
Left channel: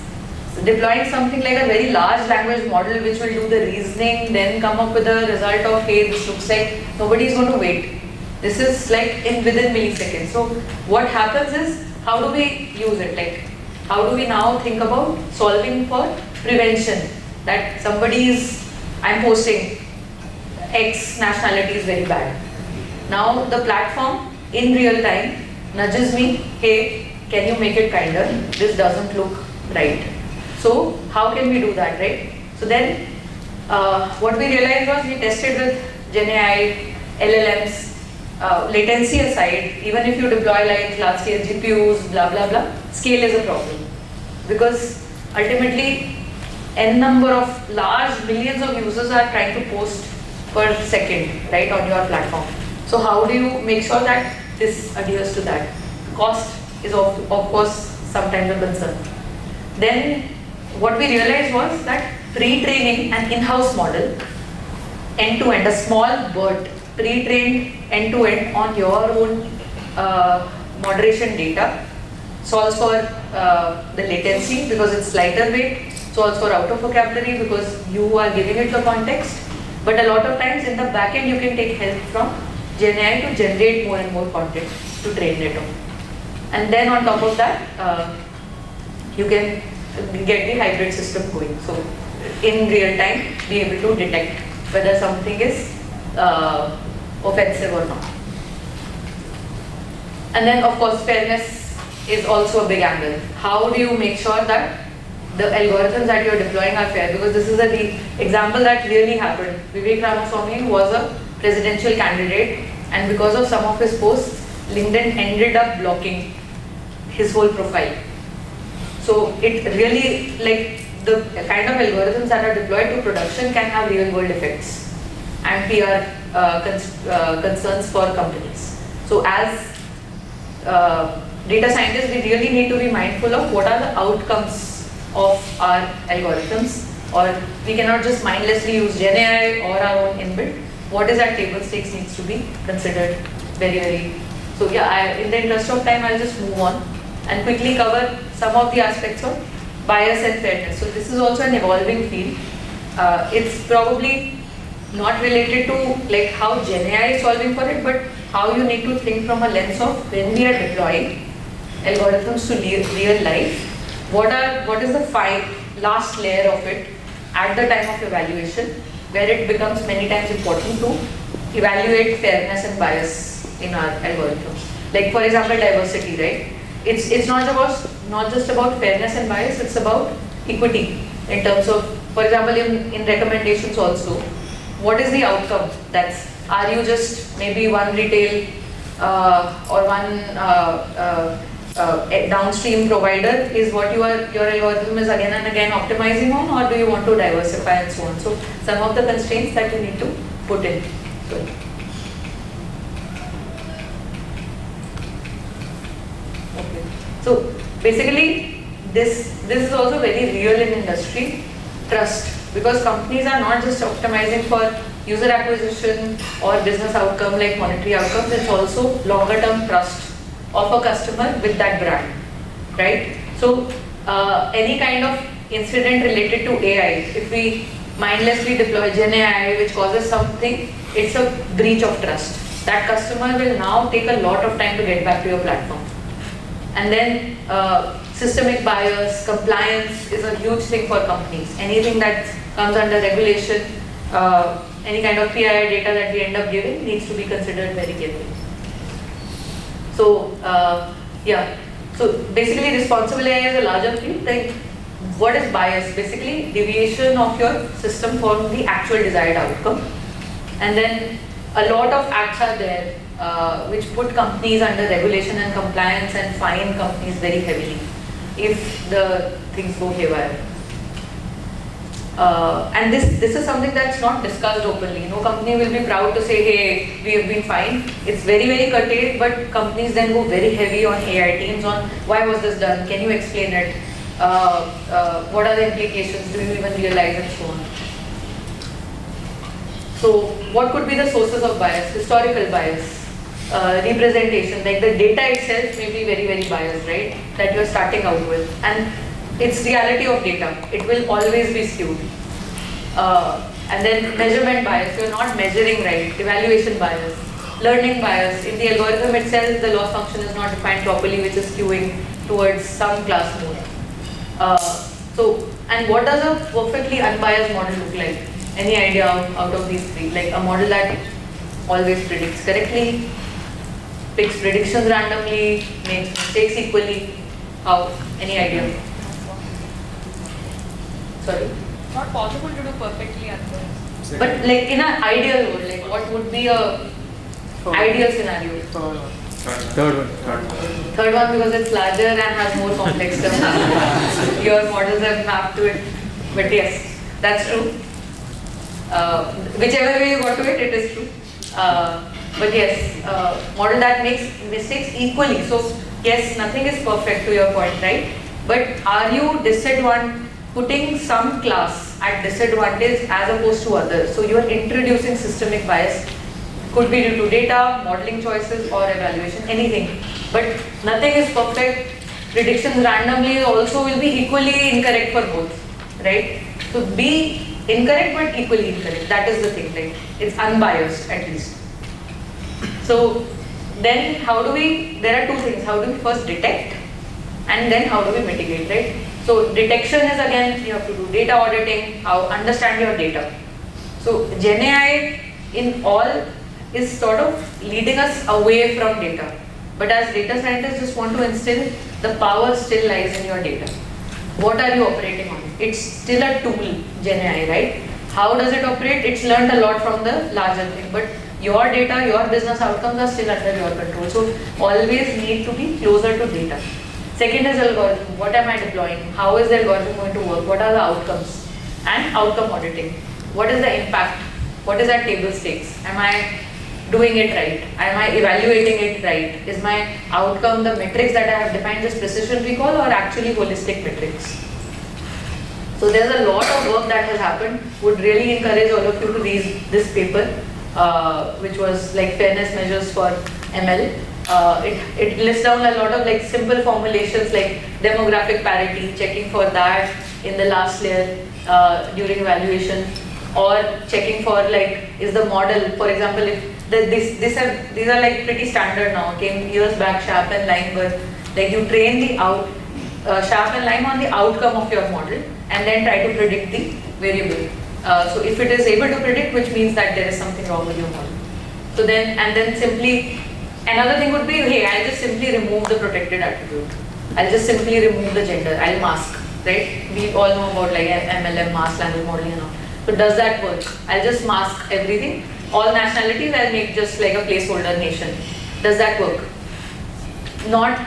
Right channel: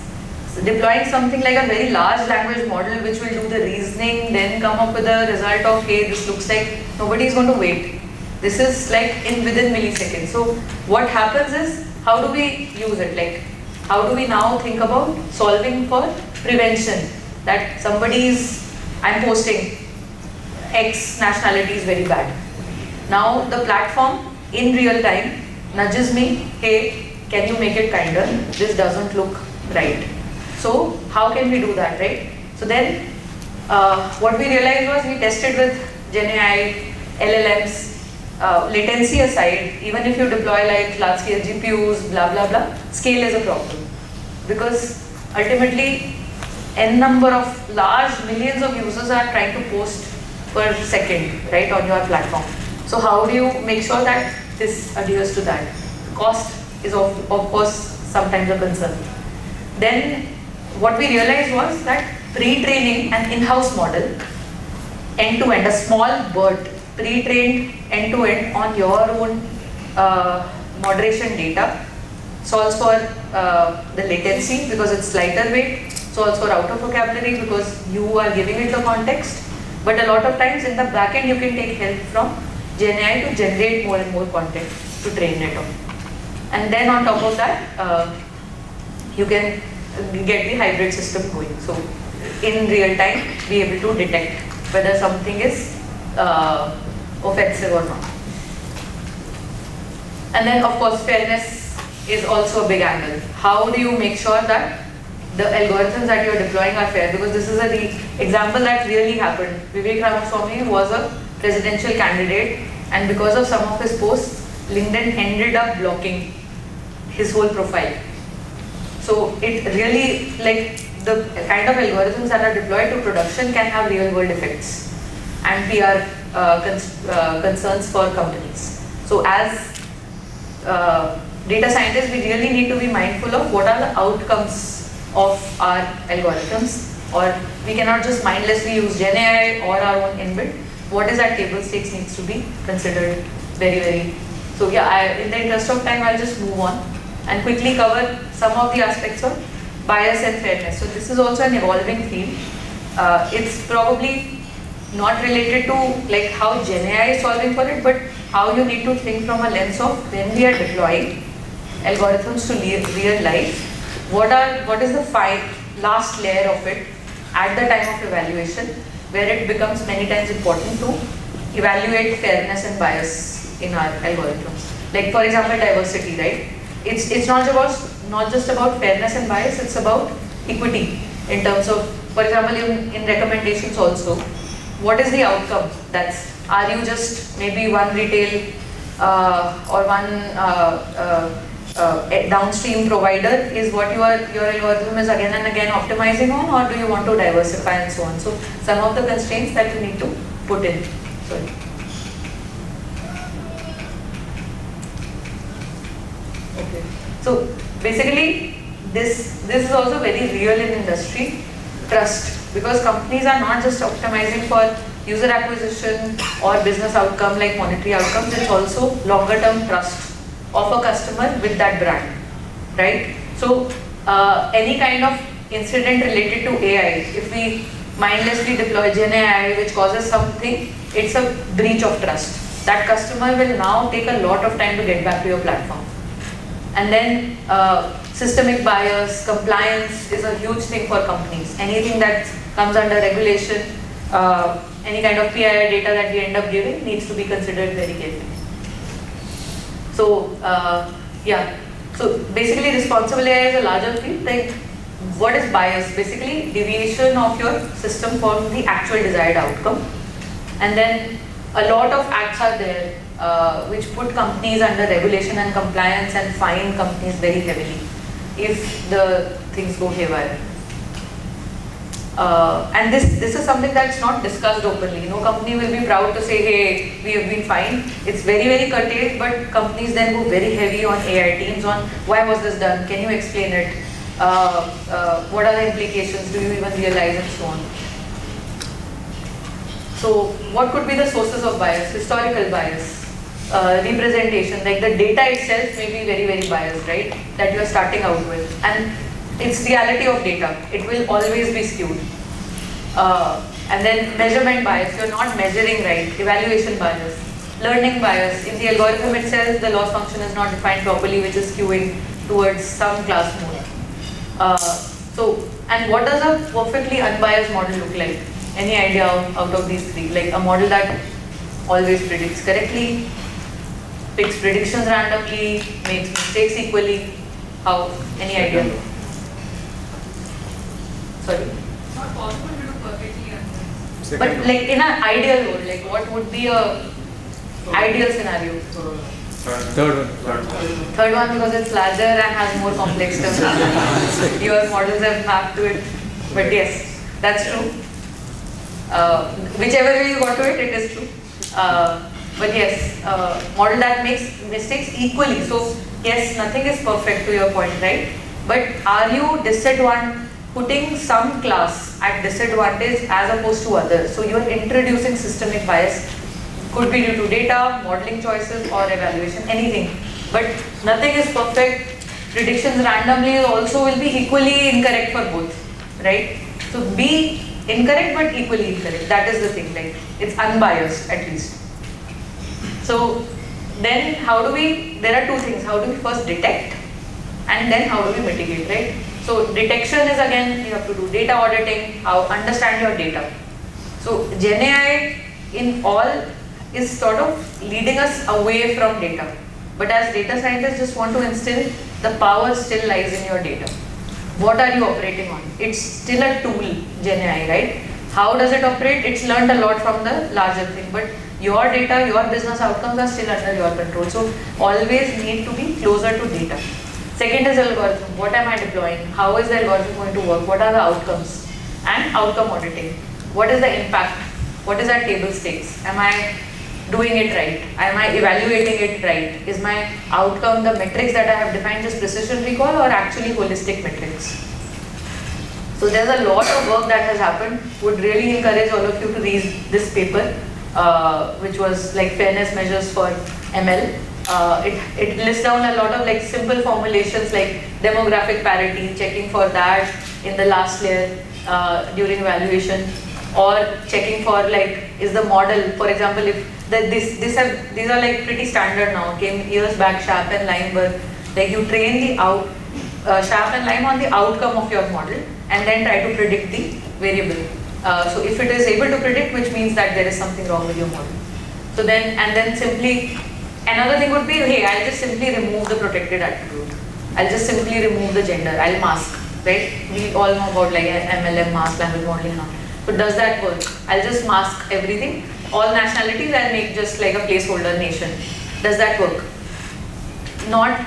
deploying something like a very large language model which will do the reasoning, then come up with a result of, hey, this looks like, nobody is going to wait. This is like within milliseconds. So what happens is, how do we use it? Like, how do we now think about solving for prevention? That I'm posting X nationality is very bad. Now the platform in real time nudges me, hey, can you make it kinder? This doesn't look right. So how can we do that, right? So then what we realized was we tested with GenAI, LLMs, latency aside, even if you deploy like large scale GPUs, blah, blah, blah, scale is a problem. Because ultimately, n number of large millions of users are trying to post per second, right, on your platform. So how do you make sure that this adheres to that? Cost is of course sometimes a concern. Then what we realized was that pre-training an in-house model, end-to-end, a small BERT, pre-trained end-to-end on your own moderation data, solves for the latency because it's lighter weight, solves for out of vocabulary because you are giving it the context. But a lot of times in the backend you can take help from GenAI to generate more and more content to train it on. And then on top of that, you can get the hybrid system going. So in real time, be able to detect whether something is offensive or not. And then of course fairness is also a big angle. How do you make sure that the algorithms that you're deploying are fair? Because this is the example that really happened. Vivek Ramaswamy was a presidential candidate, and because of some of his posts, LinkedIn ended up blocking his whole profile. So it really, like, the kind of algorithms that are deployed to production can have real world effects and PR concerns for companies. So as data scientists, we really need to be mindful of what are the outcomes of our algorithms, or we cannot just mindlessly use GenAI or our own inbuilt. What is at table stakes needs to be considered very, very. So yeah, in the interest of time, I'll just move on and quickly cover some of the aspects of bias and fairness. So this is also an evolving field. It's probably not related to like how GenAI is solving for it, but how you need to think from a lens of when we are deploying algorithms to real life, what is the last layer of it at the time of evaluation, where it becomes many times important to evaluate fairness and bias in our algorithms. Like for example, diversity, right? It's not just about fairness and bias, it's about equity in terms of, for example, in recommendations also, what is the outcome? Are you just maybe one retail or one downstream provider is what your algorithm is again and again optimizing on, or do you want to diversify and so on? So some of the constraints that you need to put in. So basically, this is also very real in industry, trust, because companies are not just optimizing for user acquisition or business outcome like monetary outcomes, it's also longer term trust of a customer with that brand, right? So any kind of incident related to AI, if we mindlessly deploy GenAI which causes something, it's a breach of trust. That customer will now take a lot of time to get back to your platform. And then systemic bias, compliance is a huge thing for companies. Anything that comes under regulation, any kind of PII data that we end up giving needs to be considered very carefully. So yeah, so basically responsible AI is a larger field. Like, what is bias? Basically deviation of your system from the actual desired outcome. And then a lot of acts are there which put companies under regulation and compliance and fine companies very heavily if the things go haywire. And this is something that's not discussed openly. No company will be proud to say, hey, we have been fined. It's very, very curtailed, but companies then go very heavy on AI teams on why was this done? Can you explain it? What are the implications? Do you even realize, and so on. So what could be the sources of bias? Historical bias, representation, like the data itself may be very, very biased, right? That you're starting out with. And it's reality of data. It will always be skewed. And then measurement bias, you're not measuring right. Evaluation bias, learning bias. In the algorithm itself, the loss function is not defined properly, which is skewing towards some class mode. So, and what does a perfectly unbiased model look like? Any idea out of these three? Like a model that always predicts correctly, picks predictions randomly, makes mistakes equally? How? Any idea? Sorry. Not possible to do perfectly otherwise. But like in an ideal world, like what would be a ideal scenario? Third one. Third one because it's larger and has more complex terms. Your models have mapped to it. But yes, that's true. Whichever way you got to it, it is true. But yes, model that makes mistakes equally. So yes, nothing is perfect to your point, right? But are you putting some class at disadvantage as opposed to others? So you are introducing systemic bias. Could be due to data, modeling choices, or evaluation, anything. But nothing is perfect. Predictions randomly also will be equally incorrect for both, right? So be incorrect but equally incorrect. That is the thing, right? It's unbiased at least. So then there are two things. How do we first detect and then how do we mitigate, right? So detection is again, you have to do data auditing, understand your data. So GenAI in all is sort of leading us away from data. But as data scientists just want to instill, the power still lies in your data. What are you operating on? It's still a tool, GenAI, right? How does it operate? It's learned a lot from the larger thing. But your data, your business outcomes are still under your control. So always need to be closer to data. Second is algorithm. What am I deploying? How is the algorithm going to work? What are the outcomes? And outcome auditing. What is the impact? What is our table stakes? Am I doing it right? Am I evaluating it right? Is my outcome, the metrics that I have defined, just precision recall or actually holistic metrics? So there's a lot of work that has happened. Would really encourage all of you to read this paper, which was like fairness measures for ML. It lists down a lot of like simple formulations like demographic parity, checking for that in the last layer during evaluation, or checking for like is the model, for example, if these are like pretty standard now. Came years back, Sharp and Lime were like you train the Sharp and Lime on the outcome of your model and then try to predict the variable. So if it is able to predict, which means that there is something wrong with your model. So then simply another thing would be, hey, I'll just simply remove the protected attribute. I'll just simply remove the gender. I'll mask, right? We all know about like MLM, mask language modeling now. So does that work? I'll just mask everything. All nationalities, I'll make just like a placeholder nation. Does that work? Not,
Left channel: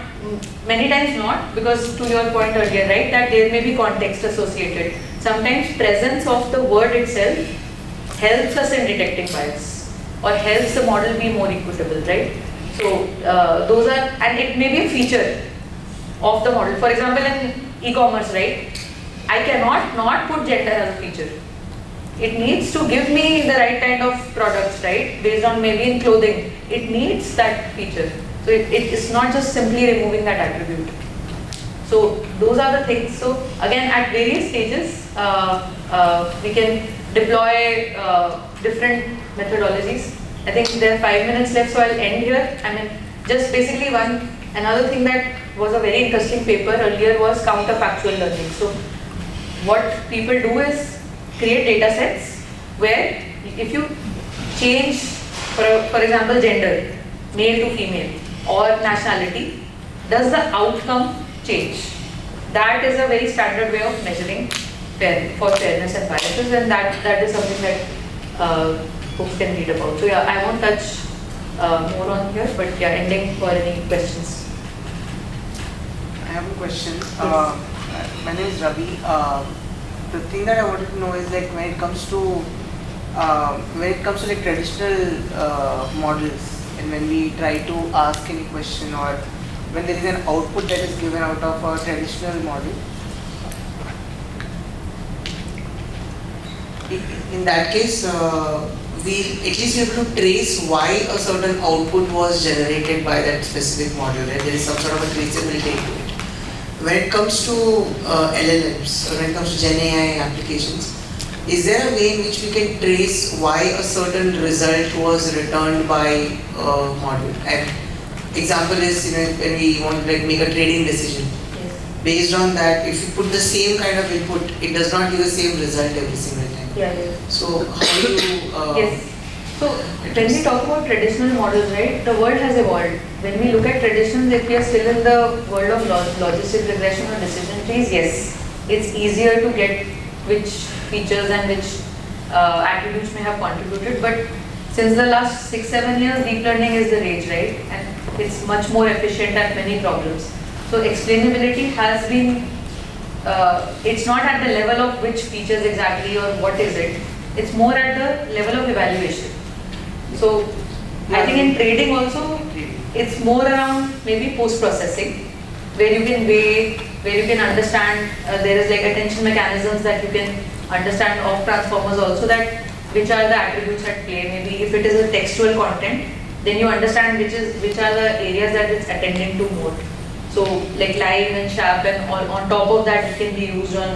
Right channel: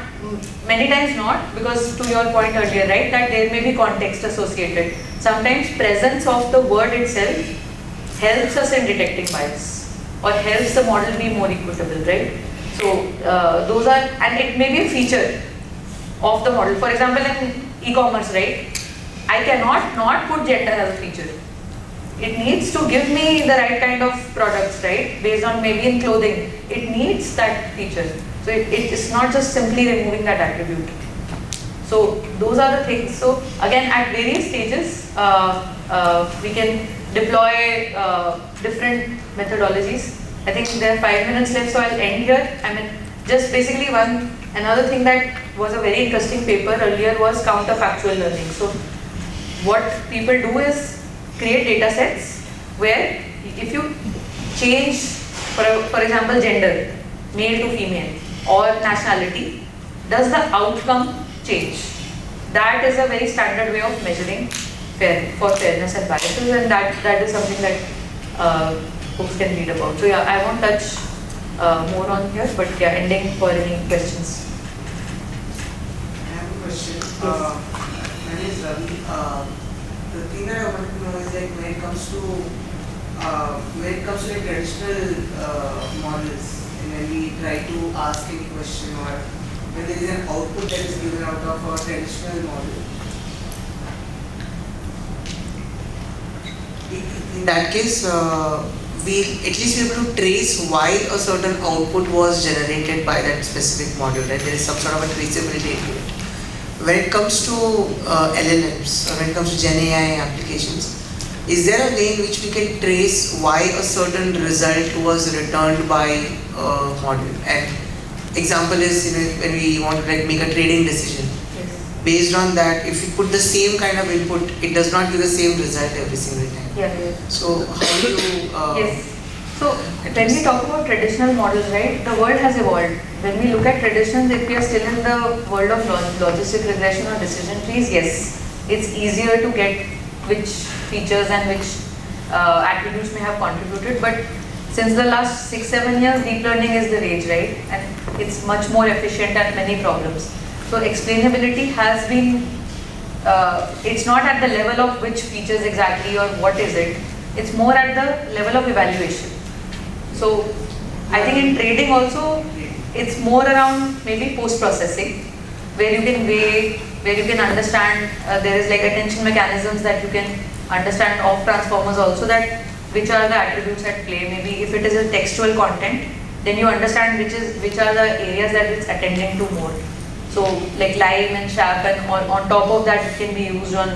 many times not, because to your point earlier, right, that there may be context associated. Sometimes presence of the word itself helps us in detecting bias or helps the model be more equitable, right? So those are, and it may be a feature of the model. For example, in e-commerce, right, I cannot not put gender as a feature. It needs to give me the right kind of products, right? Based on maybe in clothing, it needs that feature. So it is not just simply removing that attribute. So those are the things. So again, at various stages, we can deploy different methodologies. I think there are 5 minutes left, so I'll end here. I mean, just basically another thing that was a very interesting paper earlier was counterfactual learning. So what people do is create data sets where if you change, for example, gender, male to female, or nationality, does the outcome change? That is a very standard way of measuring for fairness and biases, and that is something that folks can read about. So yeah, I won't touch more on here, but yeah, ending for any questions. I have a question. My name is Ravi. The thing that I wanted to know is like when it comes to like traditional models, and when we try to ask any question or when there is an output that is given out of a traditional model, in that case, we at least be able to trace why a certain output was generated by that specific model, right? There is some sort of a traceability to it. When it comes to LLMs, or when it comes to GenAI applications, is there a way in which we can trace why a certain result was returned by a model? And example is, when we want to make a trading decision. Based on that, if you put the same kind of input, it does not give the same result every single time. Yeah. So how do you? Yes. So when we talk about traditional models, right, the world has evolved. When we look at traditions, if we are still in the world of logistic regression or decision trees, yes, it's easier to get which features and which attributes may have contributed. But since the last 6-7 years, deep learning is the rage, right? And it's much more efficient at many problems. So explainability has been, it's not at the level of which features exactly or what is it. It's more at the level of evaluation. So I think in trading also, it's more around maybe post-processing, where you can weigh, where you can understand, there is like attention mechanisms that you can understand of transformers also, that which are the attributes at play. Maybe if it is a textual content, then you understand which are the areas that it's attending to more. So like Lime and Sharp, and on top of that it can be used on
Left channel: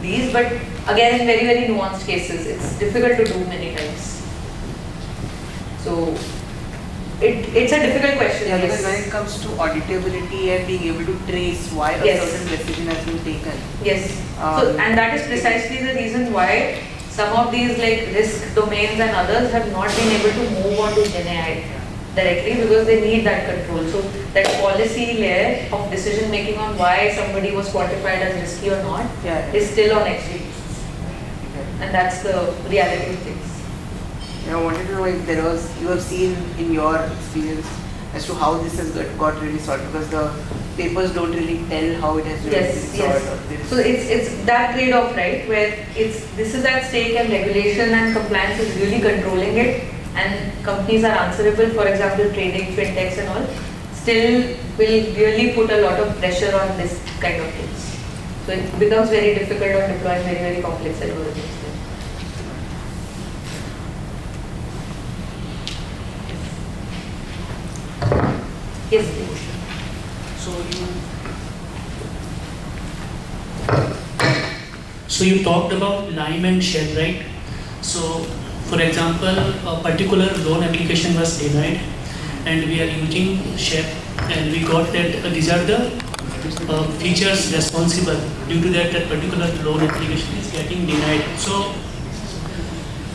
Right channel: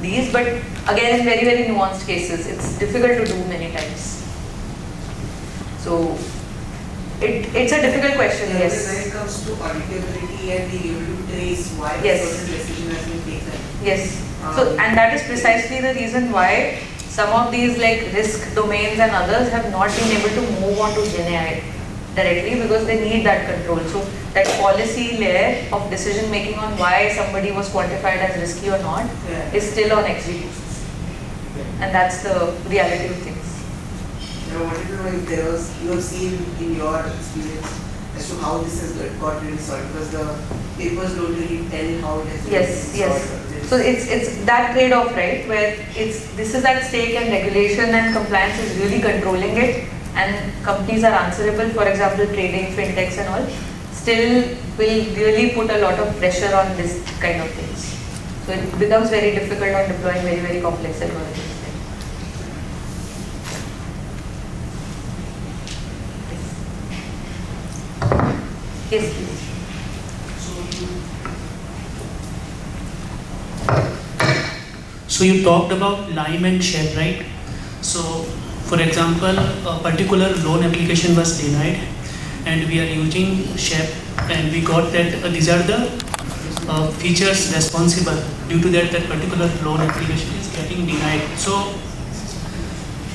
these, but again in very, very nuanced cases, it's difficult to do many times. So it's a difficult question. Yeah, Yes. because when it comes to auditability and being able to trace why a Yes. certain decision has been taken. Yes. So and that is precisely the reason why some of these like risk domains and others have not been able to move on to GenAI directly, because they need that control. So that policy layer of decision making on why somebody was quantified as risky or not Yeah. is still on XGBoost. And that's the reality of things. I wanted to know if there was, you have seen in your experience as to how this has got really solved, because the papers don't really tell how it has been Yes, yes. solved. So it's that trade-off, right, where this is at stake and regulation and compliance is really controlling it, and companies are answerable, for example, trading, fintechs and all, still will really put a lot of pressure on this kind of things. So it becomes very difficult on deploying very, very complex algorithms. Yes, please. So you talked about Lime and Shell, right? So, for example, a particular loan application was denied, and we are using Shell, and we got that these are the features responsible. Due to that, that particular loan application is getting denied. So,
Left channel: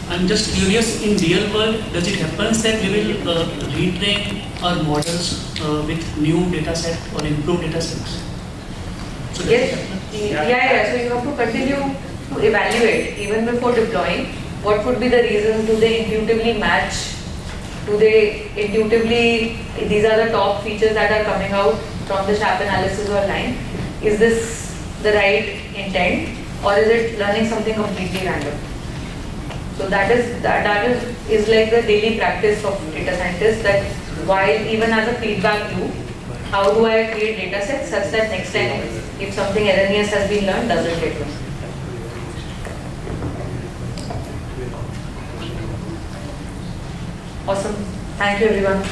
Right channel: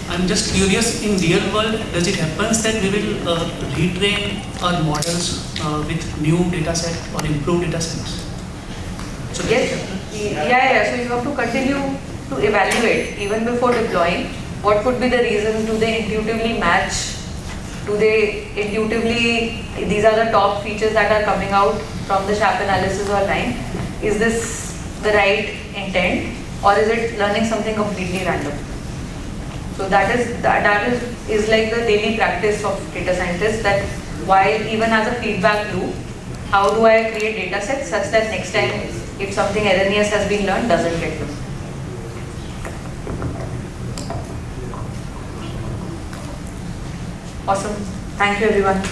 I'm just curious, in real world, does it happen that we will retrain our models with new data set or improved data sets? So Yes, yeah. So you have to continue to evaluate even before deploying. What could be the reasons? Do they intuitively match? Do they intuitively, these are the top features that are coming out from the Sharp analysis or Lime. Is this the right intent, or is it learning something completely random? So that is like the daily practice of data scientists, that while even as a feedback loop, how do I create data sets such that next time if something erroneous has been learned, doesn't get learned. Awesome. Thank you everyone.